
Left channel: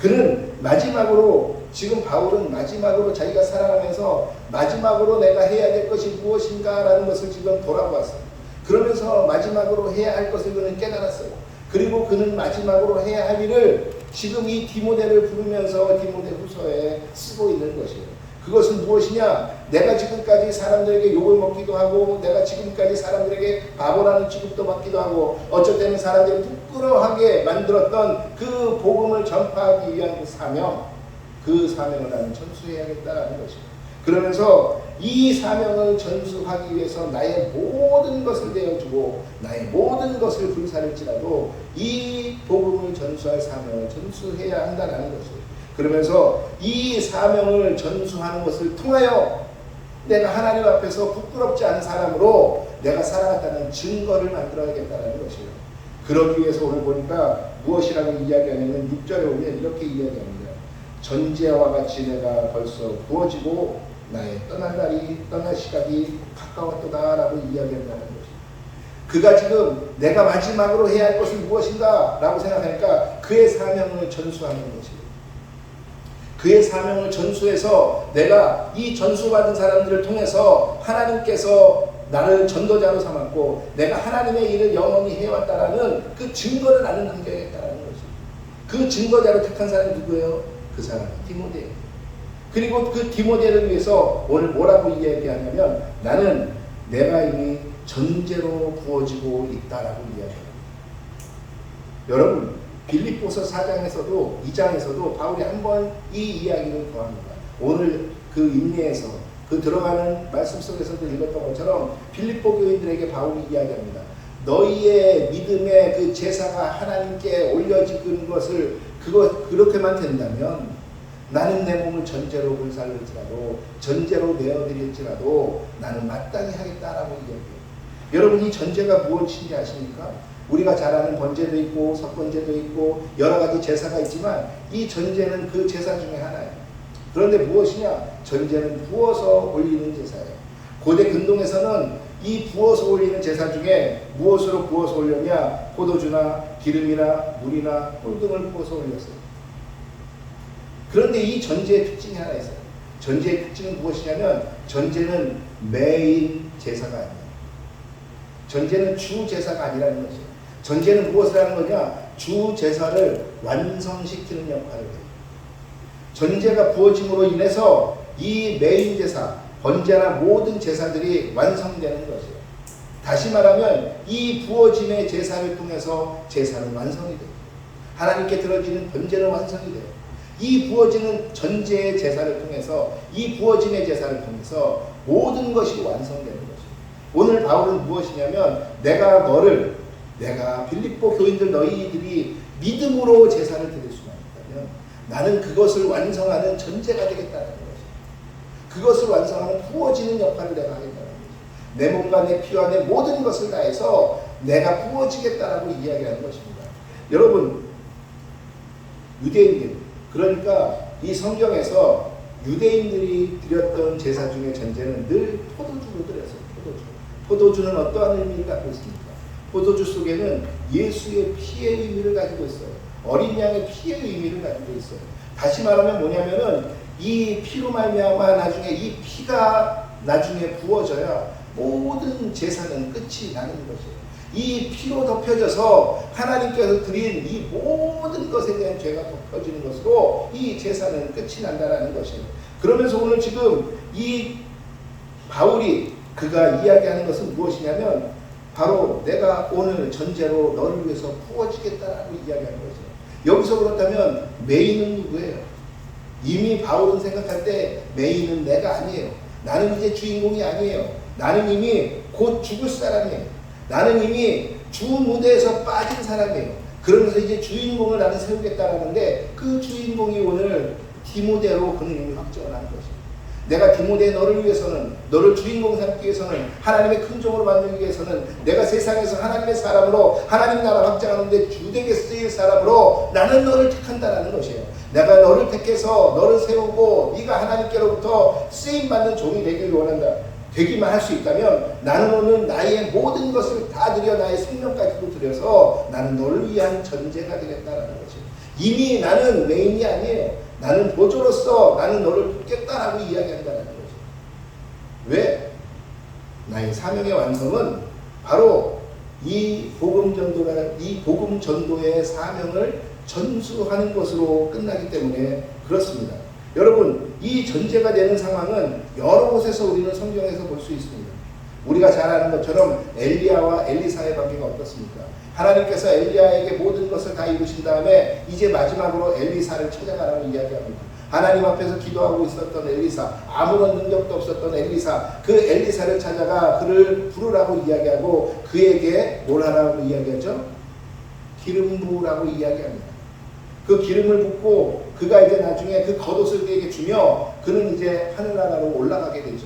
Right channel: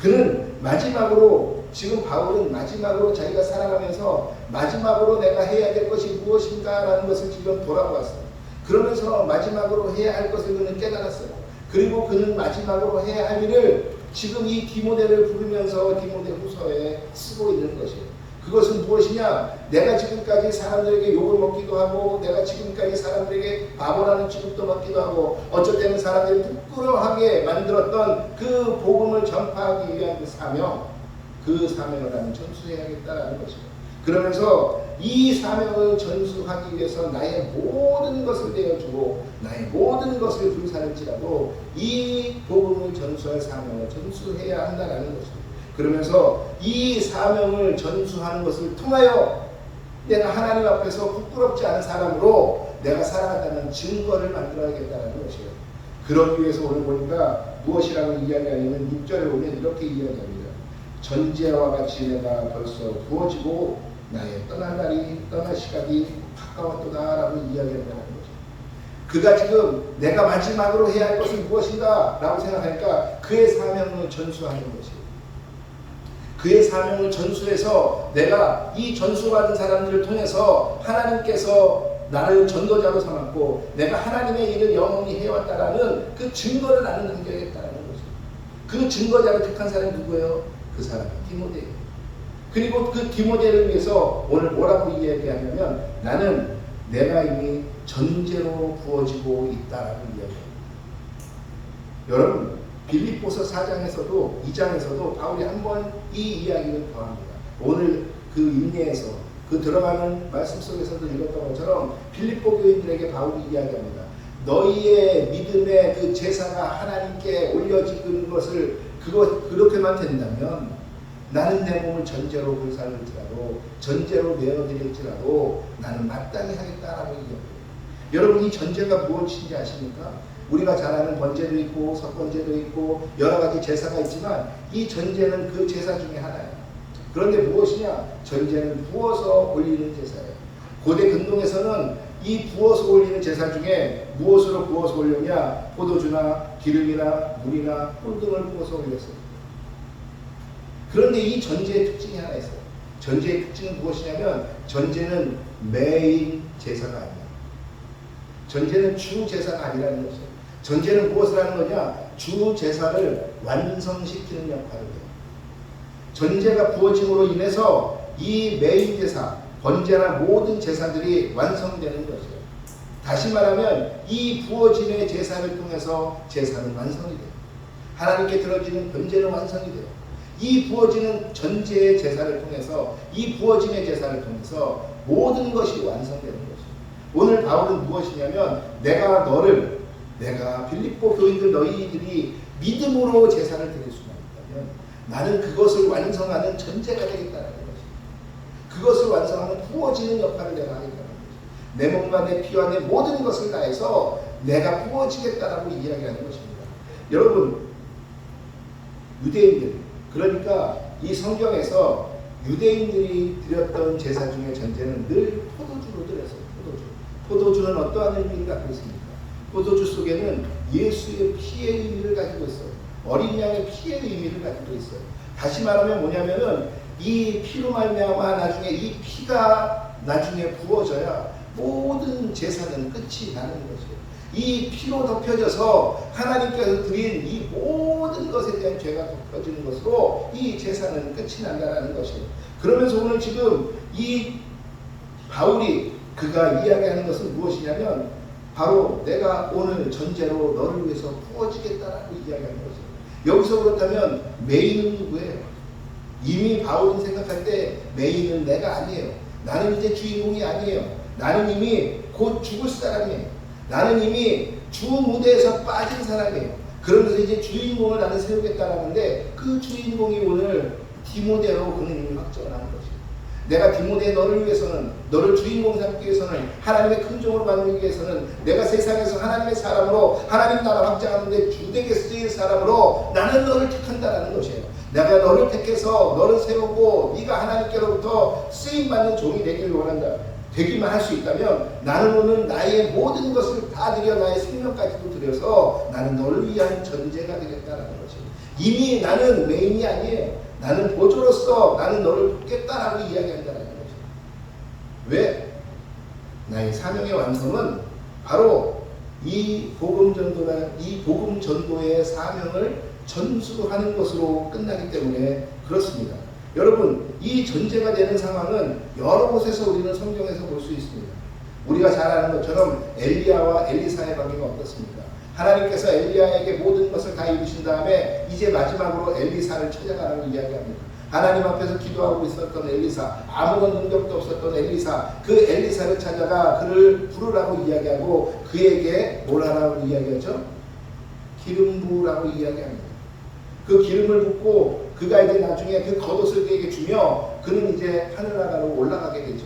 그는 마지막으로, 지금 바울은 마지막으로 자기가 살아가면서 마지막으로 내가 해야 될 것이 무엇인가라는 것을 지금 돌아보았어요. 그러면서 마지막으로 해야 할 것을 그는 깨달았어요. 그리고 그는 마지막으로 해야 할 일을 지금 이 디모데를 부르면서 디모데 후서에 쓰고 있는 것이에요. 그것은 무엇이냐? 내가 지금까지 사람들에게 욕을 먹기도 하고, 내가 지금까지 사람들에게 바보라는 취급도 받기도 하고, 어쩔 때는 사람들이 부끄러워하게 만들었던 그 복음을 전파하기 위한 그 사명을 나는 전수해야겠다라는 것이에요. 그러면서 이 사명을 전수하기 위해서 나의 모든 것을 내어주고 나의 모든 것을 불사를지라도 이 복음을 전수할 사명을 전수해야 한다는 것이에요. 그러면서 이 사명을 전수하는 것을 통하여 내가 하나님 앞에서 부끄럽지 않은 사람으로 내가 살아갔다는 증거를 만들어야겠다는 것이에요. 그러기 위해서 오늘 보니까 무엇이라고 이야기하냐면 6절에 보면 이렇게 이야기합니다. 전제와 같이 내가 벌써 부어지고 나의 떠날 시간이 가까웠도다 라고 이야기한다는 거죠. 그가 지금 내가 마지막으로 해야 할 것은 무엇인가 라고 생각하니까 그의 사명을 전수하는 것이에요. 그의 사명을 전수해서 내가 이 전수받은 사람들을 통해서 하나님께서 나를 전도자로 삼았고 내가 하나님의 일을 영원히 해왔다라는 그 증거를 나는 남겨야겠다라는 거죠. 그 증거자를 택한 사람이 누구예요? 그 사람은 디모데예요. 그리고 그 디모데를 위해서 오늘 뭐라고 이야기하냐면 나는 내가 이미 전제로 부어지고 있다라고 이야기합니다. 여러분 빌립보서 4장에서도 2장에서도 바울이 한 번 이 이야기를 더합니다. 오늘 그 인내에서 그 들어가는 말씀 속에서도 읽었던 것처럼 빌립보 교인들에게 바울이 이야기합니다. 너희의 믿음의 그 제사가 하나님께 올려지는 것을 그렇게만 된다면 나는 내 몸을 전제로 불살릴지라도 전제로 내어드릴지라도 나는 마땅히 하겠다라고 이야기해요. 여러분 이 전제가 무엇인지 아십니까? 우리가 잘 아는 번제도 있고 석번제도 있고 여러 가지 제사가 있지만 이 전제는 그 제사 중에 하나예요. 그런데 무엇이냐? 전제는 부어서 올리는 제사예요. 고대 근동에서는 이 부어서 올리는 제사 중에 무엇으로 부어서 올렸냐? 포도주나 기름이나 물이나 꿀 등을 부어서 올렸어요. 그런데 이 전제의 특징이 하나 있어요. 전제의 특징은 무엇이냐면 전제는 매일 제사가 아니에요. 전제는 주 제사가 아니라는 거죠. 전제는 무엇을 하는 거냐? 주 제사를 완성시키는 역할을 해요. 전제가 부어짐으로 인해서 이 메인 제사, 번제나 모든 제사들이 완성되는 것이에요. 다시 말하면 이 부어짐의 제사를 통해서 제사는 완성이 돼요. 하나님께 드려지는 번제는 완성이 돼요. 이 부어지는 전제의 제사를 통해서, 이 부어짐의 제사를 통해서 모든 것이 완성되는 것이에요. 오늘 바울은 무엇이냐면 내가 빌립보 교인들 너희들이 믿음으로 제사를 드릴 수만 있다면 나는 그것을 완성하는 전제가 되겠다는 것이에요. 그것을 완성하는 부어지는 역할을 내가 하겠다는 것이에요. 내 몸과 내 피와 내 모든 것을 다해서 내가 부어지겠다라고 이야기하는 것입니다. 여러분, 유대인들, 그러니까 이 성경에서 유대인들이 드렸던 제사 중에 전제는 늘 포도주로 드렸어요. 포도주는 어떠한 의미를 갖고 있습니까? 포도주 속에는 예수의 피의 의미를 가지고 있어요. 어린 양의 피의 의미를 가지고 있어요. 다시 말하면 뭐냐면은 이 피로 말미암아 나중에 이 피가 나중에 부어져야 모든 제사는 끝이 나는 것이에요. 이 피로 덮여져서 하나님께서 드린 이 모든 것에 대한 죄가 덮여지는 것으로 이 제사는 끝이 난다는 것이에요. 그러면서 오늘 지금 이 바울이 그가 이야기하는 것은 무엇이냐면 바로 내가 오늘 전제로 너를 위해서 부어지겠다라고 이야기하는 거죠. 여기서 그렇다면 메인은 누구예요? 이미 바울은 생각할 때 메인은 내가 아니에요. 나는 이제 주인공이 아니에요. 나는 이미 곧 죽을 사람이에요. 나는 이미 주 무대에서 빠진 사람이에요. 그러면서 이제 주인공을 나는 세우겠다라는데 그 주인공이 오늘 디모데로 그는 이미 확정을 하는 거죠. 내가 디모데 너를 위해서는, 너를 주인공 삼기 위해서는, 하나님의 큰 종으로 만들기 위해서는 내가 세상에서 하나님의 사람으로 하나님 나라 확장하는데 주되게 쓰일 사람으로 나는 너를 택한다라는 것이에요. 내가 너를 택해서 너를 세우고 네가 하나님께로부터 쓰임받는 종이 되기를 원한다. 되기만 할 수 있다면 나는 오늘 나의 모든 것을 다 드려 나의 생명까지도 드려서 나는 너를 위한 전제가 되겠다라는 것이에요. 이미 나는 메인이 아니에요. 나는 보조로서 나는 너를 돕겠다라고 이야기한다는 거죠. 왜? 나의 사명의 완성은 바로 이 복음 전도의 사명을 전수하는 것으로 끝나기 때문에 그렇습니다. 여러분, 이 전제가 되는 상황은 여러 곳에서 우리는 성경에서 볼 수 있습니다. 우리가 잘 아는 것처럼 엘리야와 엘리사의 관계가 어떻습니까? 하나님께서 엘리야에게 모든 것을 다 이루신 다음에 이제 마지막으로 엘리사를 찾아가라고 이야기합니다. 하나님 앞에서 기도하고 있었던 엘리사, 아무런 능력도 없었던 엘리사, 그 엘리사를 찾아가 그를 부르라고 이야기하고 그에게 뭘 하라고 이야기하죠? 기름 부으라고 이야기합니다. 그 기름을 붓고 그가 이제 나중에 그 겉옷을 그에게 주며 그는 이제 하늘나라로 올라가게 되죠.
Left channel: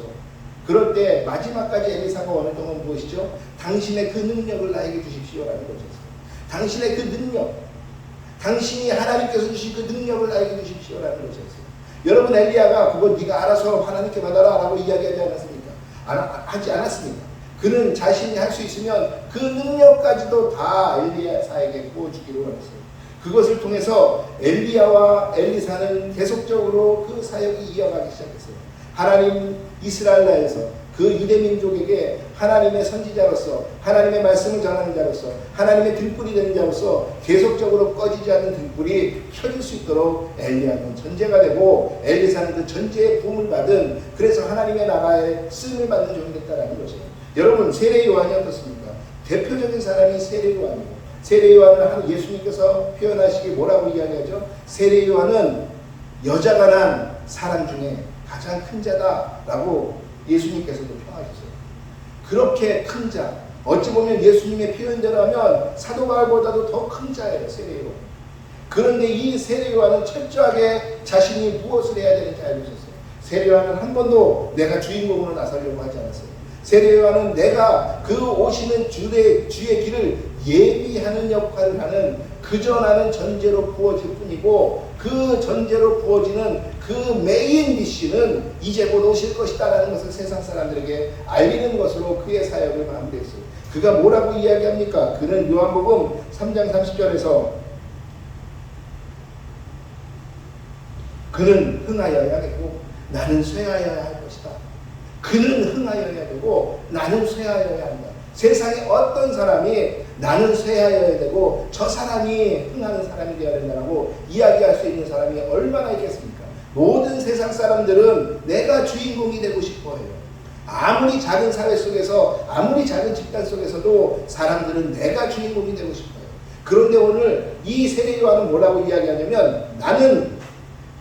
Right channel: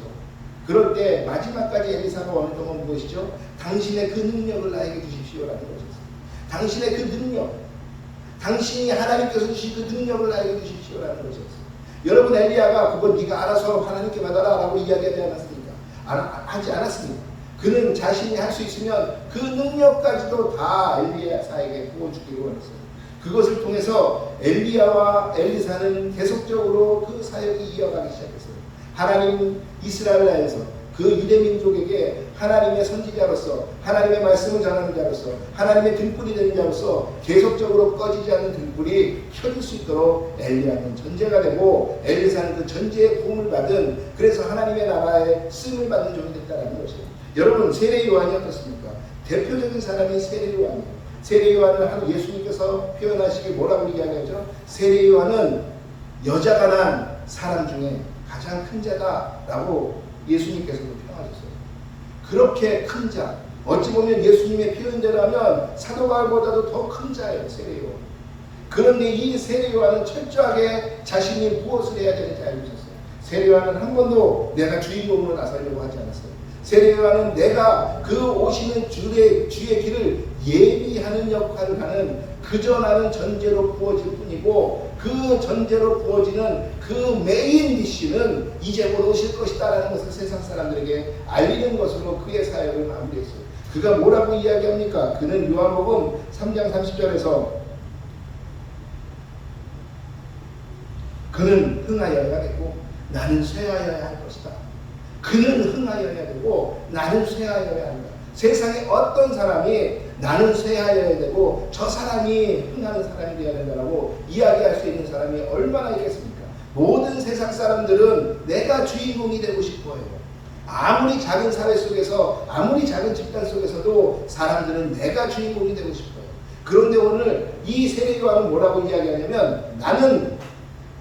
그럴 때 마지막까지 엘리사가 원했던 건 무엇이죠? 당신의 그 능력을 나에게 주십시오라는 것이었어요. 당신의 그 능력, 당신이 하나님께서 주신 그 능력을 나에게 주십시오라는 것이었어요. 여러분, 엘리야가 그건 네가 알아서 하나님께 받아라 라고 이야기하지 않았습니까? 하지 않았습니다. 그는 자신이 할 수 있으면 그 능력까지도 다 엘리야에게 부어주기를 원했어요. 그것을 통해서 엘리야와 엘리사는 계속적으로 그 사역이 이어가기 시작했어요. 하나님 이스라엘 나라에서 그 이대 민족에게 하나님의 선지자로서 하나님의 말씀을 전하는 자로서 하나님의 등불이 되는 자로서 계속적으로 꺼지지 않는 등불이 켜질 수 있도록 엘리야는 전제가 되고 엘리사는 그 전제의 부음을 받은, 그래서 하나님의 나라에 쓰임을 받는 종이 됐다는 것이에요. 여러분, 세례 요한이 어떻습니까? 대표적인 사람이 세례 요한이에요. 세례 요한은 예수님께서 표현하시기 뭐라고 이야기하죠? 세례 요한은 여자가 난 사람 중에 가장 큰 자다라고 예수님께서도 평하셨어요. 그렇게 큰 자, 어찌 보면 예수님의 표현대로 하면 사도 바울보다도 더 큰 자예요, 세례 요한. 그런데 이 세례 요한은 철저하게 자신이 무엇을 해야 되는지 알고 있었어요. 세례 요한은 한 번도 내가 주인공으로 나서려고 하지 않았어요. 세례 요한은 내가 그 오시는 주의 길을 예비하는 역할을 하는, 그저 나는 전제로 부어질 뿐이고 그 전제로 부어지는 그 메인 디쉬는 이제 곧 오실 것이다라는 것을 세상 사람들에게 알리는 것으로 그의 사역을 마무리했어요. 그가 뭐라고 이야기합니까? 그는 요한복음 3장 30절에서 그는 흥하여야 되고 나는 쇠하여야 할 것이다. 그는 흥하여야 되고 나는 쇠하여야 한다. 세상에 어떤 사람이 나는 쇠하여야 되고 저 사람이 흥하는 사람이 되어야 된다고 이야기할 수 있는 사람이 얼마나 있겠습니까? 모든 세상 사람들은 내가 주인공이 되고 싶어 해요. 아무리 작은 사회 속에서, 아무리 작은 집단 속에서도 사람들은 내가 주인공이 되고 싶어요. 그런데 오늘 이 세례요한은 뭐라고 이야기하냐면, 나는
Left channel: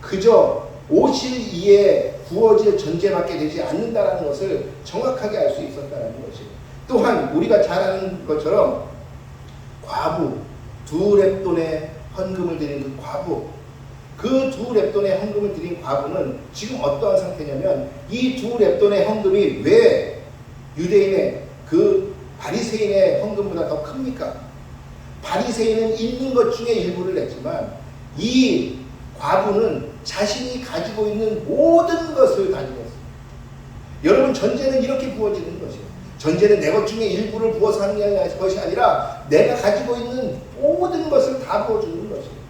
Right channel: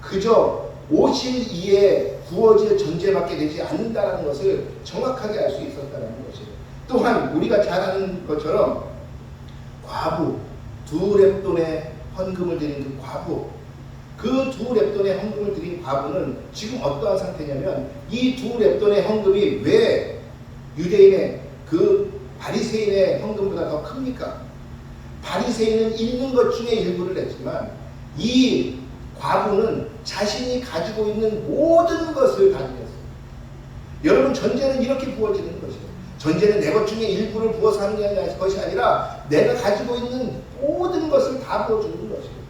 그저 오실 이에 부어질 존재밖에 되지 않는다는 것을 정확하게 알 수 있었다는 것이에요. 또한 우리가 잘 아는 것처럼 과부, 2렙돈의 헌금을 드린 그 과부, 그 2렙돈의 헌금을 드린 과부는 지금 어떠한 상태냐면, 이 2렙돈의 헌금이 왜 유대인의 그 바리새인의 헌금보다 더 큽니까? 바리새인은 있는 것 중에 일부를 냈지만 이 과부는 자신이 가지고 있는 모든 것을 다 드렸어요. 여러분, 전제는 이렇게 부어지는 것이에요. 전제는 내 것 중에 일부를 부어서 하는 것이 아니라 내가 가지고 있는 모든 것을 다 부어주는 것이에요.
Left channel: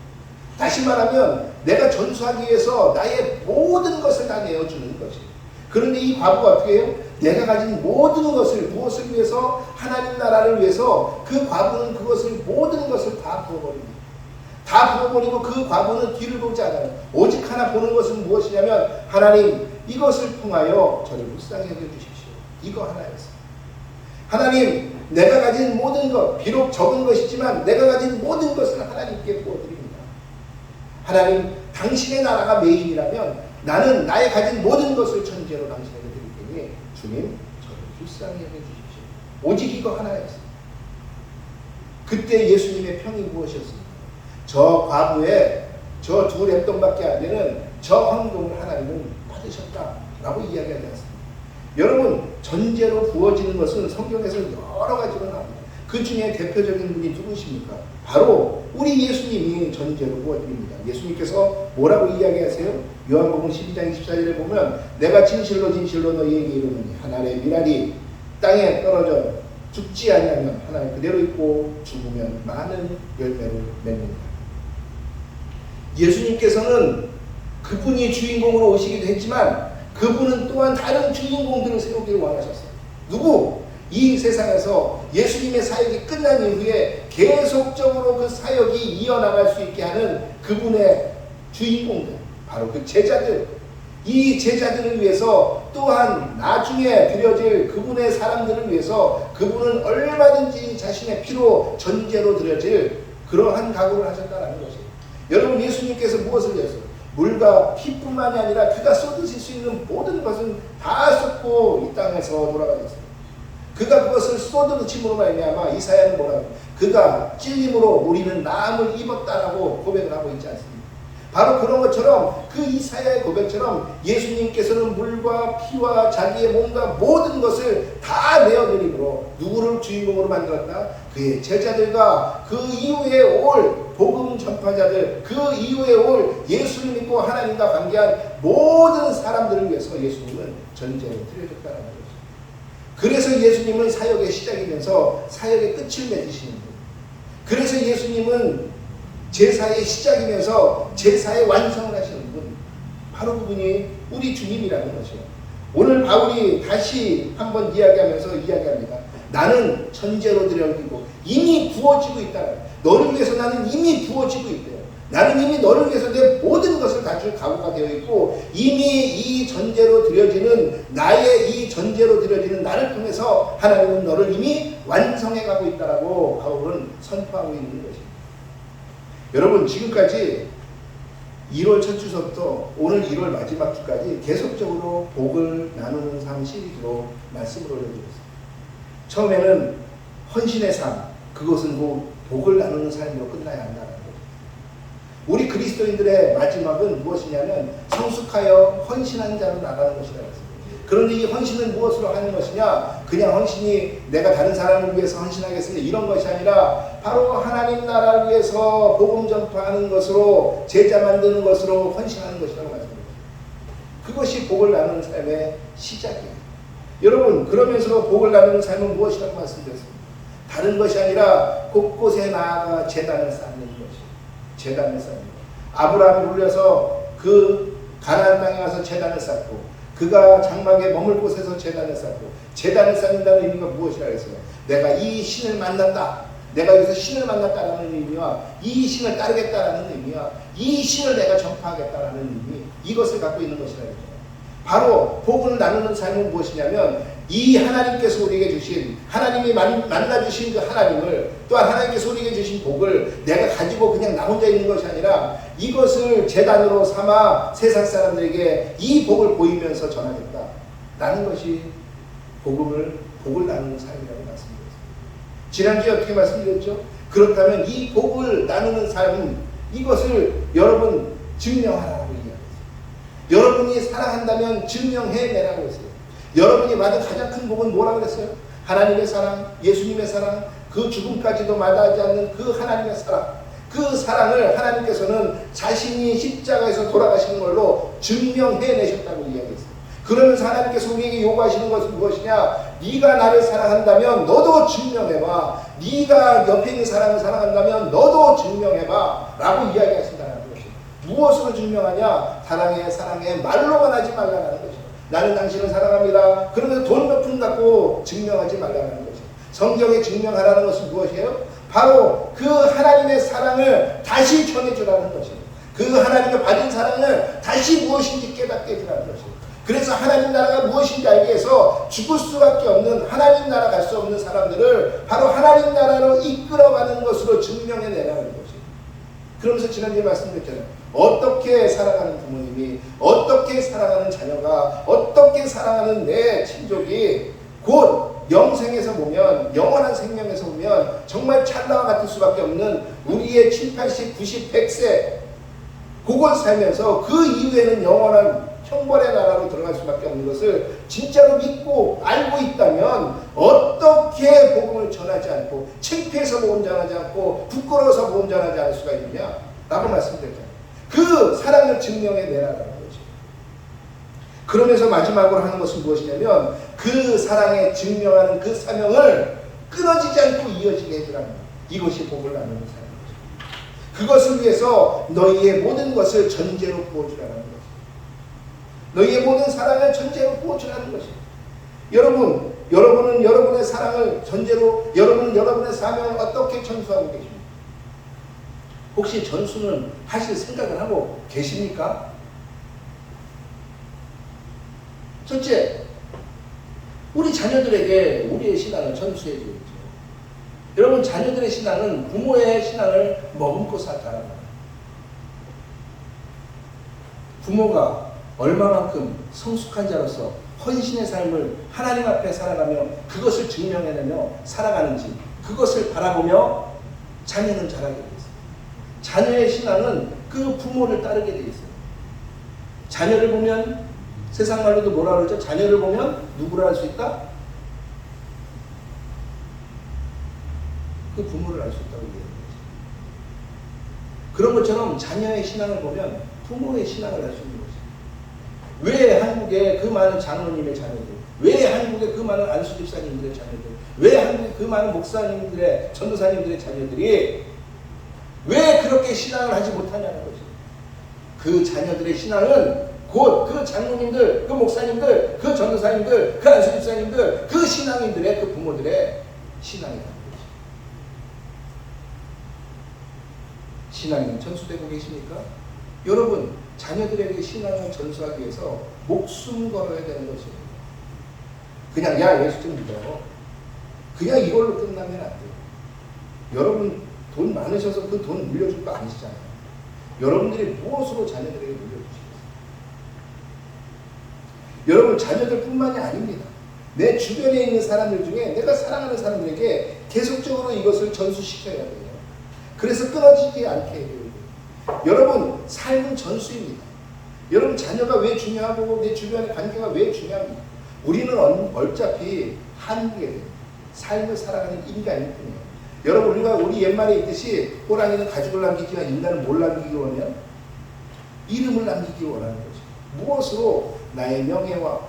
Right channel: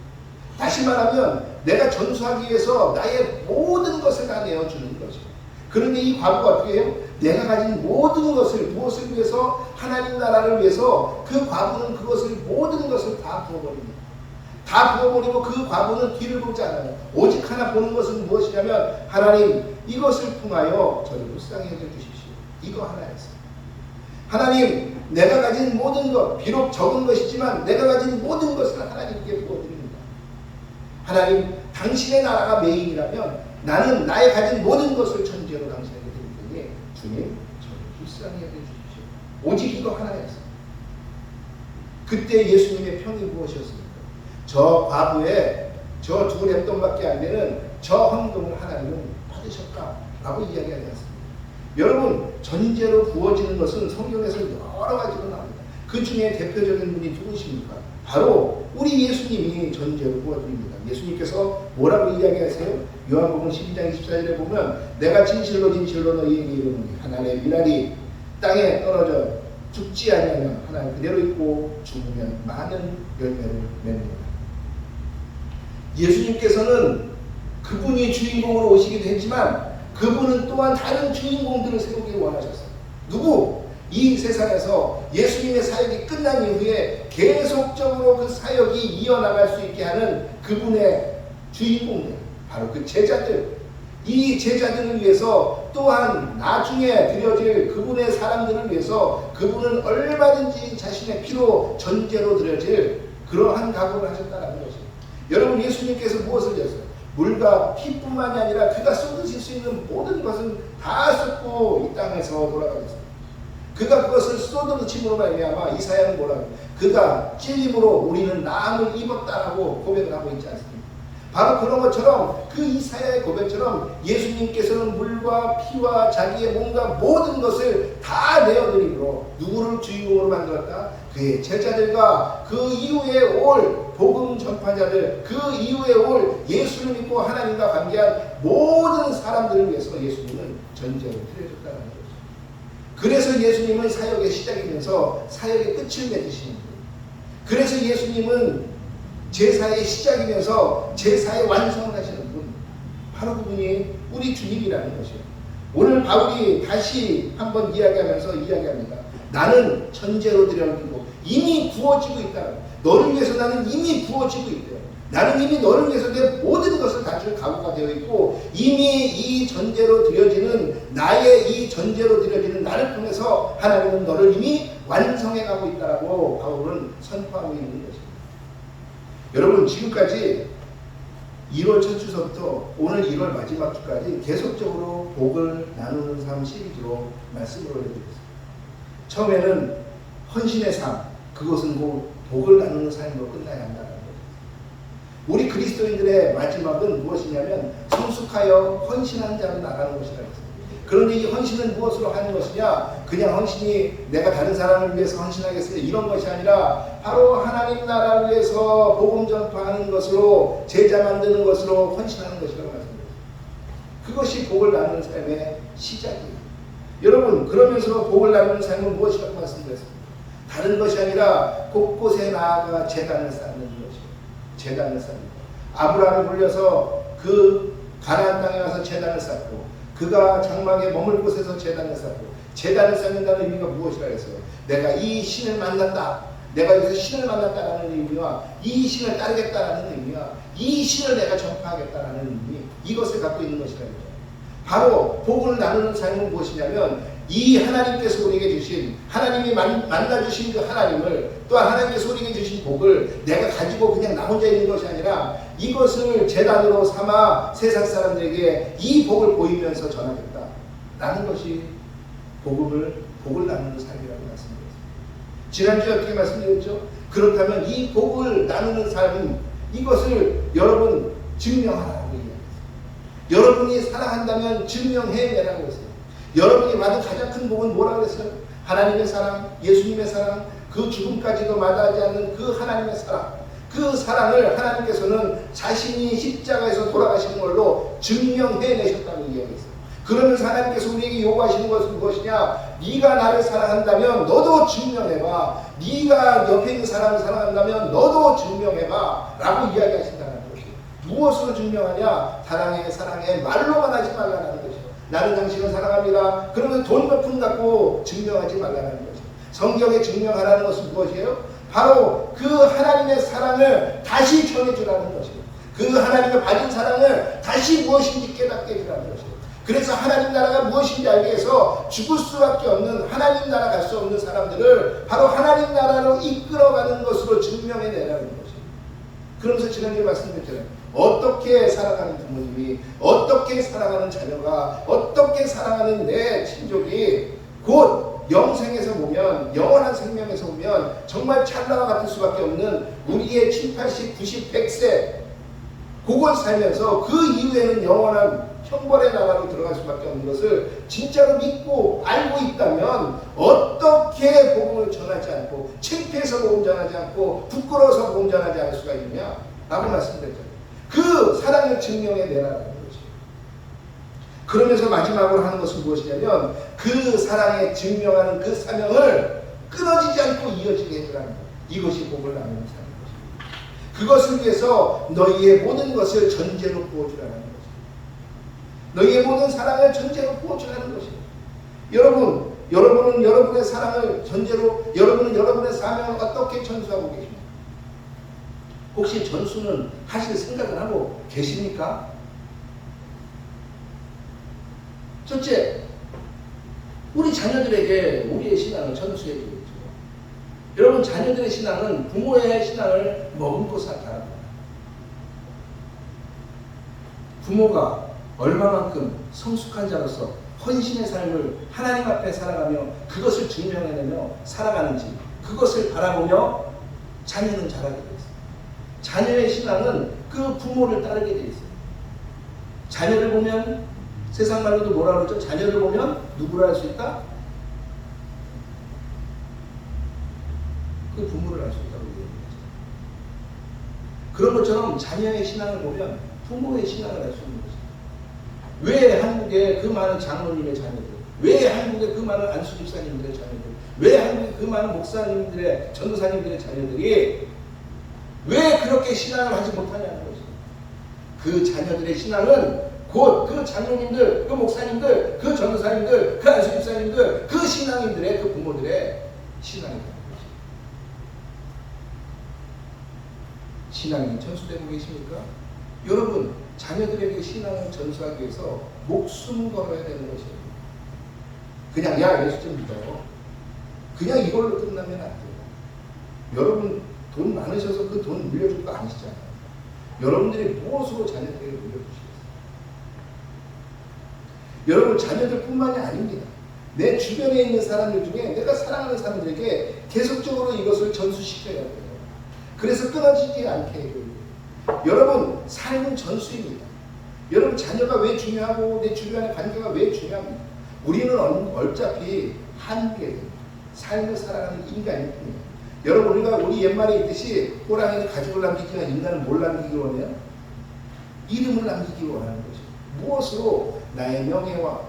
다시 말하면 내가 전수하기 위해서 나의 모든 것을 다 내어주는 것이에요. 그런데 이 과부가 어떻게 해요? 내가 가진 모든 것을, 무엇을 위해서? 하나님 나라를 위해서 그 과부는 그것을, 모든 것을 다 부어버립니다. 다 부어버리고 그 과부는 뒤를 보지 않아요. 오직 하나 보는 것은 무엇이냐면, 하나님, 이것을 통하여 저를 불쌍히 여겨주십시오. 이거 하나였어요. 하나님, 내가 가진 모든 것, 비록 적은 것이지만 내가 가진 모든 것을 하나님께 부어드립니다. 하나님, 당신의 나라가 메인이라면 나는 나의 가진 모든 것을 전제로 당신에게 드릴 테니 주님, 저를 불쌍히 여겨주십시오. 오직 이거 하나였어요. 그때 예수님의 평이 무엇이었습니까? 저 과부의 저 2렙돈밖에 안 되는 저 헌금을 하나님은 받으셨다라고 이야기하지 않습니다. 여러분, 전제로 부어지는 것은 성경에서 여러 가지로 나옵니다. 그 중에 대표적인 분이 누구십니까? 바로 우리 예수님이 전제로 부어드립니다. 예수님께서 뭐라고 이야기하세요? 요한복음 12장 24절에 보면, 내가 진실로 진실로 너희에게 이르노니 한 알의 밀알이 땅에 떨어져 죽지 아니하면 하나님 그대로 있고 죽으면 많은 열매를 맺느니라. 예수님께서는 그분이 주인공으로 오시기도 했지만 그분은 또한 다른 주인공들을 세우기 원하셨어요. 누구? 이 세상에서 예수님의 사역이 끝난 이후에 계속적으로 그 사역이 이어나갈 수 있게 하는 그분의 주인공들, 바로 그 제자들. 이 제자들을 위해서, 또한 나중에 드려질 그분의 사람들을 위해서 그분은 얼마든지 자신의 피로 전제로 드려질 그러한 각오를 하셨다는 것이에요. 여러분, 예수님께서 무엇을 했어요? 물과 피뿐만이 아니라 그가 쏟으실 수 있는 모든 것은 다 쏟고 이 땅에서 돌아가셨어요. 그가 그것을 쏟으심으로 말미암아 이사야는 뭐라고? 그가 찔림으로 우리는 나음을 입었다라고 고백을 하고 있지 않습니까? 바로 그런 것처럼, 그 이사야의 고백처럼 예수님께서는 물과 피와 자기의 몸과 모든 것을 다 내어드림으로 누구를 주인공으로 만들었다? 그의 제자들과 그 이후에 올 복음 전파자들, 그 이후에 올 예수를 믿고 하나님과 관계한 모든 사람들을 위해서 예수님은 전제로 드려졌다는 거죠. 그래서 예수님은 사역의 시작이면서 사역의 끝을 맺으시는 거예요. 그래서 예수님은 제사의 시작이면서 제사의 완성을 하시는 분, 바로 그분이 우리 주님이라는 것이에요. 오늘 바울이 다시 한번 이야기하면서 이야기합니다. 나는 전제로 드려지고 이미 부어지고 있다. 너를 위해서 나는 이미 부어지고 있대요. 나는 이미 너를 위해서 내 모든 것을 가질 각오가 되어 있고, 이미 이 전제로 드려지는 나의 이 전제로 드려지는 나를 통해서 하나님은 너를 이미 완성해 가고 있다라고 바울은 선포하고 있는 것입니다. 여러분, 지금까지 1월 첫 주서부터 오늘 1월 마지막 주까지 계속적으로 복을 나누는 삶 시리즈로 말씀을 올려드렸습니다. 처음에는 헌신의 삶, 그것은 복을 나누는 삶으로 끝나야 한다는 거예요. 우리 그리스도인들의 마지막은 무엇이냐면 성숙하여 헌신한 자로 나가는 것이라고 했습니다. 그런데 이 헌신은 무엇으로 하는 것이냐? 그냥 헌신이 내가 다른 사람을 위해서 헌신하겠습니다, 이런 것이 아니라 바로 하나님 나라를 위해서 복음 전파하는 것으로, 제자 만드는 것으로 헌신하는 것이라고 말씀드렸습니다. 그것이 복을 나누는 삶의 시작이에요. 여러분, 그러면서 복을 나누는 삶은 무엇이라고 말씀드렸습니다. 다른 것이 아니라 곳곳에 나아가 제단을 쌓는 것이에요. 제단을 쌓는 것. 아브라함을 불려서 그 가나안 땅에 가서 제단을 쌓고, 그 그가 장막에 머물 곳에서 제단을 쌓고, 제단을 쌓는다는 의미가 무엇이라 그랬어요? 내가 이 신을 만난다, 내가 여기서 신을 만났다라는 의미와 이 신을 따르겠다라는 의미와 이 신을 내가 전파하겠다라는 의미, 이것을 갖고 있는 것이라 했잖아요. 바로 복을 나누는 삶은 무엇이냐면, 이 하나님께서 우리에게 주신, 하나님이 만나주신 그 하나님을, 또한 하나님께서 우리에게 주신 복을 내가 가지고 그냥 나 혼자 있는 것이 아니라 이것을 제단으로 삼아 세상 사람들에게 이 복을 보이면서 전하겠다라는 것이 복을 나누는 삶이라고 말씀드렸습니다. 지난주에 어떻게 말씀드렸죠? 그렇다면 이 복을 나누는 삶은, 이것을 여러분 증명하라고 이야기했어요. 여러분이 사랑한다면 증명해내라고 했어요. 여러분이 받은 가장 큰 복은 뭐라고 그랬어요? 하나님의 사랑, 예수님의 사랑, 그 죽음까지도 마다하지 않는 그 하나님의 사랑, 그 사랑을 하나님께서는 자신이 십자가에서 돌아가시는 걸로 증명해내셨다고 이야기했어요. 그러면서 하나님께서 우리에게 요구하시는 것은 무엇이냐? 네가 나를 사랑한다면 너도 증명해봐. 네가 옆에 있는 사람을 사랑한다면 너도 증명해봐 라고 이야기하신다는 것이에요. 무엇으로 증명하냐? 사랑해 말로만 하지 말라는 것이에요. 나는 당신을 사랑합니다. 그러면 돈 몇 푼 갖고 증명하지 말라는 것이죠. 성경에 증명하라는 것은 무엇이에요? 바로 그 하나님의 사랑을 다시 전해주라는 것이에요. 그 하나님의 받은 사랑을 다시 무엇인지 깨닫게 해주라는 것이에요. 그래서 하나님 나라가 무엇인지 알기 위해서 죽을 수밖에 없는, 하나님 나라 갈 수 없는 사람들을 바로 하나님 나라로 이끌어가는 것으로 증명해내라는 것이에요. 그러면서 지난주에 말씀드렸잖아요. 어떻게 살아가는 부모님이, 어떻게 살아가는 자녀가, 어떻게 살아가는 내 친족이 곧 영생에서 보면, 영원한 생명에서 보면 정말 찰나와 같을 수밖에 없는 우리의 7, 80, 90, 100세 그걸 살면서 그 이후에는 영원한 형벌의 나라로 들어갈 수밖에 없는 것을 진짜로 믿고 알고 있다면 어떻게 복음을 전하지 않고, 창피해서 복음 전하지 않고, 부끄러워서 복음 전하지 않을 수가 있느냐 라고 말씀드렸잖아요. 그 사랑을 증명해내라는 거죠. 그러면서 마지막으로 하는 것은 무엇이냐면, 그 사랑에 증명하는 그 사명을 끊어지지 않고 이어지게 해주라는 거예요. 이것이 복을 나누는 삶인 것입니다. 그것을 위해서 너희의 모든 것을 전제로 부어주라는 것입니다. 너희의 모든 사랑을 전제로 부어주라는 것입니다. 여러분은 여러분의 사랑을 전제로, 여러분은 여러분의 사명을 어떻게 전수하고 계십니까? 혹시 전수는 하실 생각을 하고 계십니까? 첫째, 우리 자녀들에게 우리의 신앙을 전수해 드리죠. 여러분, 자녀들의 신앙은 부모의 신앙을 머금고 살아갑니다. 부모가 얼마만큼 성숙한 자로서 헌신의 삶을 하나님 앞에 살아가며 그것을 증명해내며 살아가는지, 그것을 바라보며 자녀는 자라게 되어 있습니다. 자녀의 신앙은 그 부모를 따르게 되어 있어요. 자녀를 보면, 세상 말로도 뭐라 그러죠? 자녀를 보면 누구를 알 수 있다? 그 부모를 알 수 있다고 얘기하는 거죠. 그런 것처럼 자녀의 신앙을 보면 부모의 신앙을 알 수 있는 거죠. 왜 한국에 그 많은 장로님의 자녀들, 왜 한국에 그 많은 안수 집사님들의 자녀들, 왜 한국에 그 많은 목사님들의, 전도사님들의 자녀들이 왜 그렇게 신앙을 하지 못하냐는 거지. 그 자녀들의 신앙은 곧 그 장로님들, 그 목사님들, 그 전도사님들, 그 안수 집사님들, 그 신앙인들의, 그 부모들의 신앙이라는 거지. 신앙이 전수되고 계십니까? 여러분, 자녀들에게 신앙을 전수하기 위해서 목숨 걸어야 되는 것입니다. 그냥 야, 예수 좀 믿어요. 그냥 이걸로 끝나면 안 돼요. 여러분 돈 많으셔서 그 돈 물려줄 거 아니시잖아요. 여러분들이 무엇으로 자녀들에게 물려주시겠어요? 여러분, 자녀들뿐만이 아닙니다. 내 주변에 있는 사람들 중에 내가 사랑하는 사람들에게 계속적으로 이것을 전수시켜야 돼요. 그래서 끊어지지 않게 해야 돼요. 여러분, 삶은 전수입니다. 여러분, 자녀가 왜 중요하고 내 주변의 관계가 왜 중요합니까? 우리는 어차피 한국에 삶을 살아가는 인간일 뿐이에요. 여러분, 우리 옛말에 있듯이 호랑이는 가죽을 남기지만 인간은 뭘 남기기로 하면? 이름을 남기기 원하는 거죠. 무엇으로? 나의 명예와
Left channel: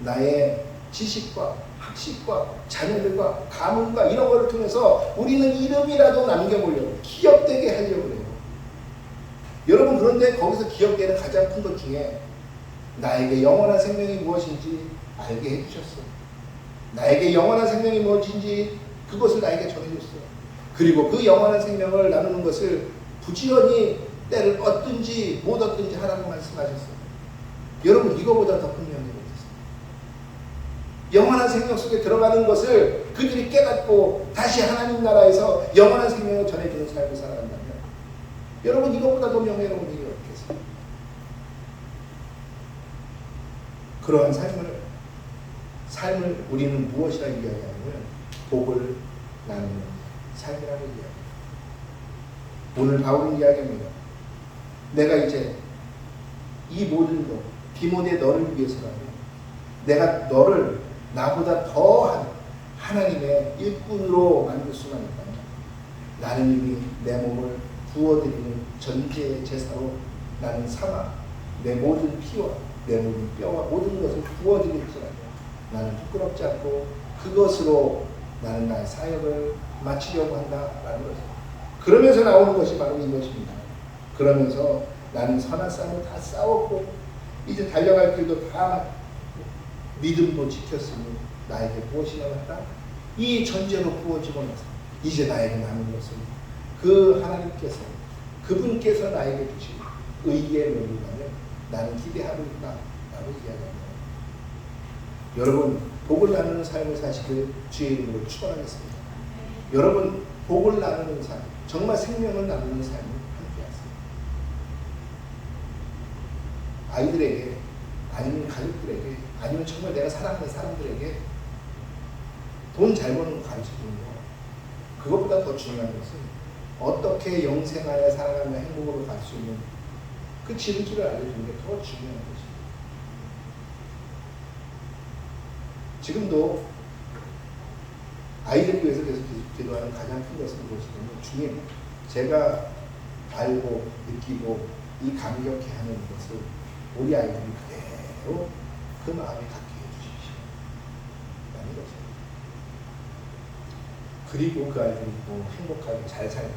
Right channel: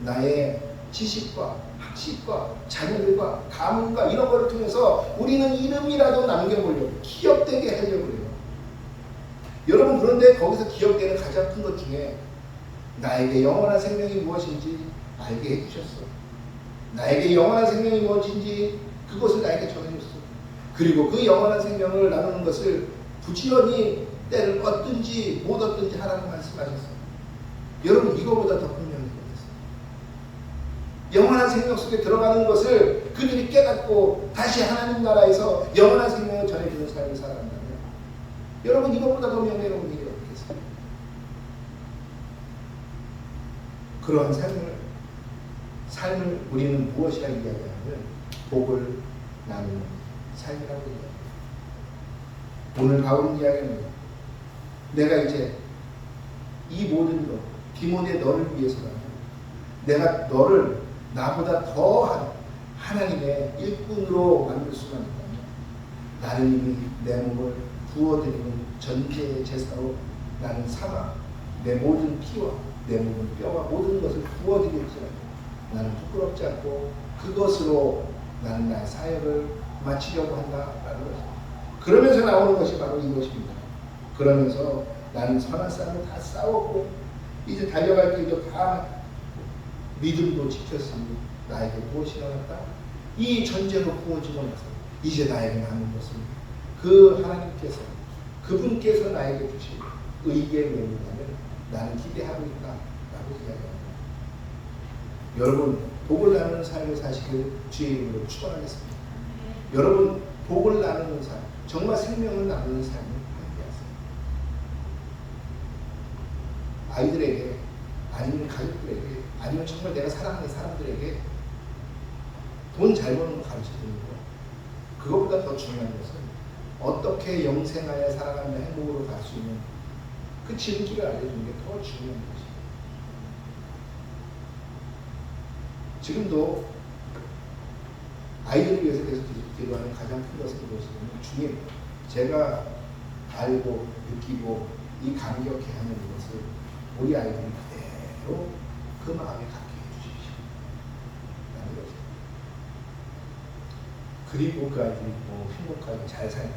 나의 지식과 학식과 자녀들과 가문과 이런 거를 통해서 우리는 이름이라도 남겨보려고, 기억되게 하려고 해요. 여러분, 그런데 거기서 기억되는 가장 큰 것 중에 나에게 영원한 생명이 무엇인지 알게 해주셨어. 나에게 영원한 생명이 무엇인지 그것을 나에게 전해줬어. 그리고 그 영원한 생명을 나누는 것을 부지런히 때를 얻든지 못 얻든지 하라고 말씀하셨어. 여러분, 이거보다 더 큰 명령이 있어요. 영원한 생명 속에 들어가는 것을 그들이 깨닫고 다시 하나님 나라에서 영원한 생명을 전해주는 삶을 살아간다면 여러분, 이것보다 더 명예로운 일이 없겠어요. 그러한 삶을 우리는 무엇이라 이야기하냐면 복을 나누는 삶이라고 이야기해요. 오늘 바울은 이야기합니다. 내가 이제 이 모든 것, 디모데 너를 위해서라면 내가 너를 나보다 더한 하나님의 일꾼으로 만들 수만 있다면 나는 이미 내 몸을 부어드리는 전제의 제사로 나는 삼아 내 모든 피와 내 모든 뼈와 모든 것을 부어드릴지라도 나는 부끄럽지 않고 그것으로 나는 나의 사역을 마치려고 한다라는 것입니다. 그러면서 나오는 것이 바로 이것입니다. 그러면서 나는 선한 싸움을 다 싸웠고 이제 달려갈 길도 다 맞고 믿음도 지켰으니 나에게 무엇이 남았다? 이 전제로 부어지고 나서 이제 나에게 남은 것은 그 하나님께서 그분께서 나에게 주신 의의 면류관을 나는 기대하고 있다라고 이야기합니다. 여러분, 복을 나누는 삶을 사시길 주의 이름으로 축원하겠습니다. 여러분, 복을 나누는 삶, 정말 생명을 나누는 삶을 함께하세요. 아이들에게, 아니면 가족들에게, 아니면 정말 내가 사랑하는 사람들에게 돈 잘 버는 거 가르쳐주는 거, 그것보다 더 중요한 것은 어떻게 영생하여 살아가며 행복으로 갈 수 있는 그 지름길을 알려주는 게 더 중요한 것입니다. 지금도 아이들을 위해서 계속 기도하는 가장 큰 것은 무엇이냐면, 주님, 제가 알고 느끼고 이 감격해 하는 것을 우리 아이들이 그대로 그 마음에 갖게 해주십시오. 라는 거죠. 그리고 그 아이들이 뭐 행복하게 잘 살고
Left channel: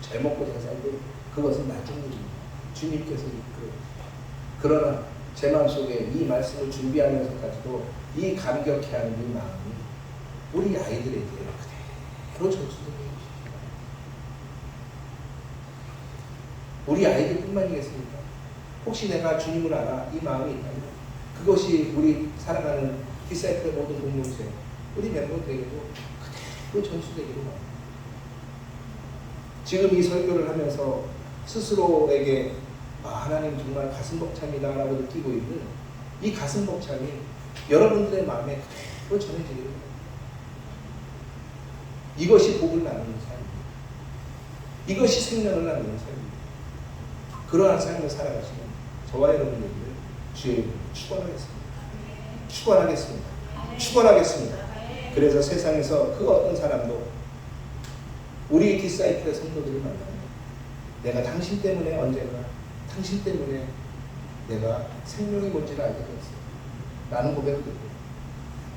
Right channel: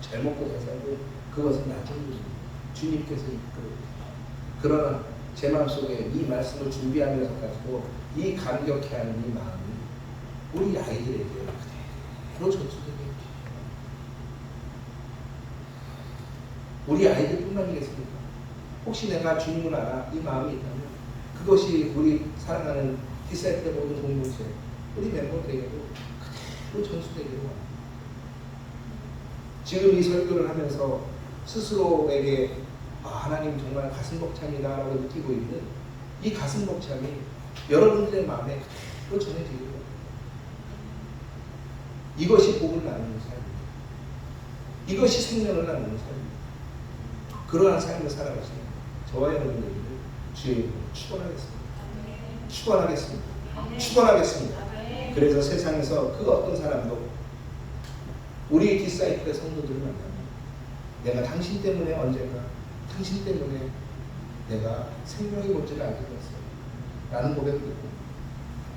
잘 먹고 잘 살고 그것은 나중 일입니다. 주님께서 이끌어. 그러나 제 마음속에 이 말씀을 준비하면서까지도 이 감격해하는 이 마음이 우리 아이들에게 그대로 전수되게 해주십시오. 우리 아이들뿐만이겠습니까? 혹시 내가 주님을 알아 이 마음이 있다면 그것이 우리 사랑하는 디사이플의 모든 공동체, 우리 멤버들에게도 그대로 전수되기로 합니다. 지금 이 설교를 하면서 스스로에게 하나님 정말 가슴 벅참이다 라고 느끼고 있는 이 가슴 벅참이 여러분들의 마음에 그대로 전해지기를 합니다. 이것이 복을 나누는 삶입니다. 이것이 생명을 나누는 삶입니다. 그러한 삶을 살아가시면 저와 여러분들을 주의 이름으로 축원하겠습니다. 축원하겠습니다. 축원하겠습니다. 그래서 세상에서 그 어떤 사람도 우리 디사이플의 성도들을 만나면 내가 당신 때문에 언제가 당신 때문에 내가 생명이 뭔지를 알게 되었어요 라는 고백을 듣고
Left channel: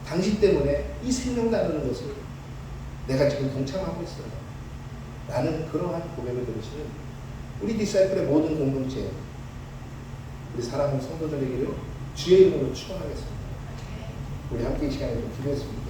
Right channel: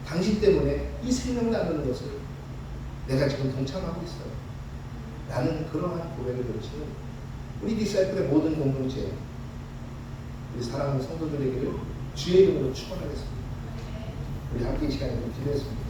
당신 때문에 이 생명 나누는 것을 내가 지금 동참하고 있어요 라는 그러한 고백을 들으시는 우리 디사이플의 모든 공동체, 우리 사랑하는 성도들에게를 주의 이름으로 축원하겠습니다. 우리 함께 이 시간에 좀 기도했습니다.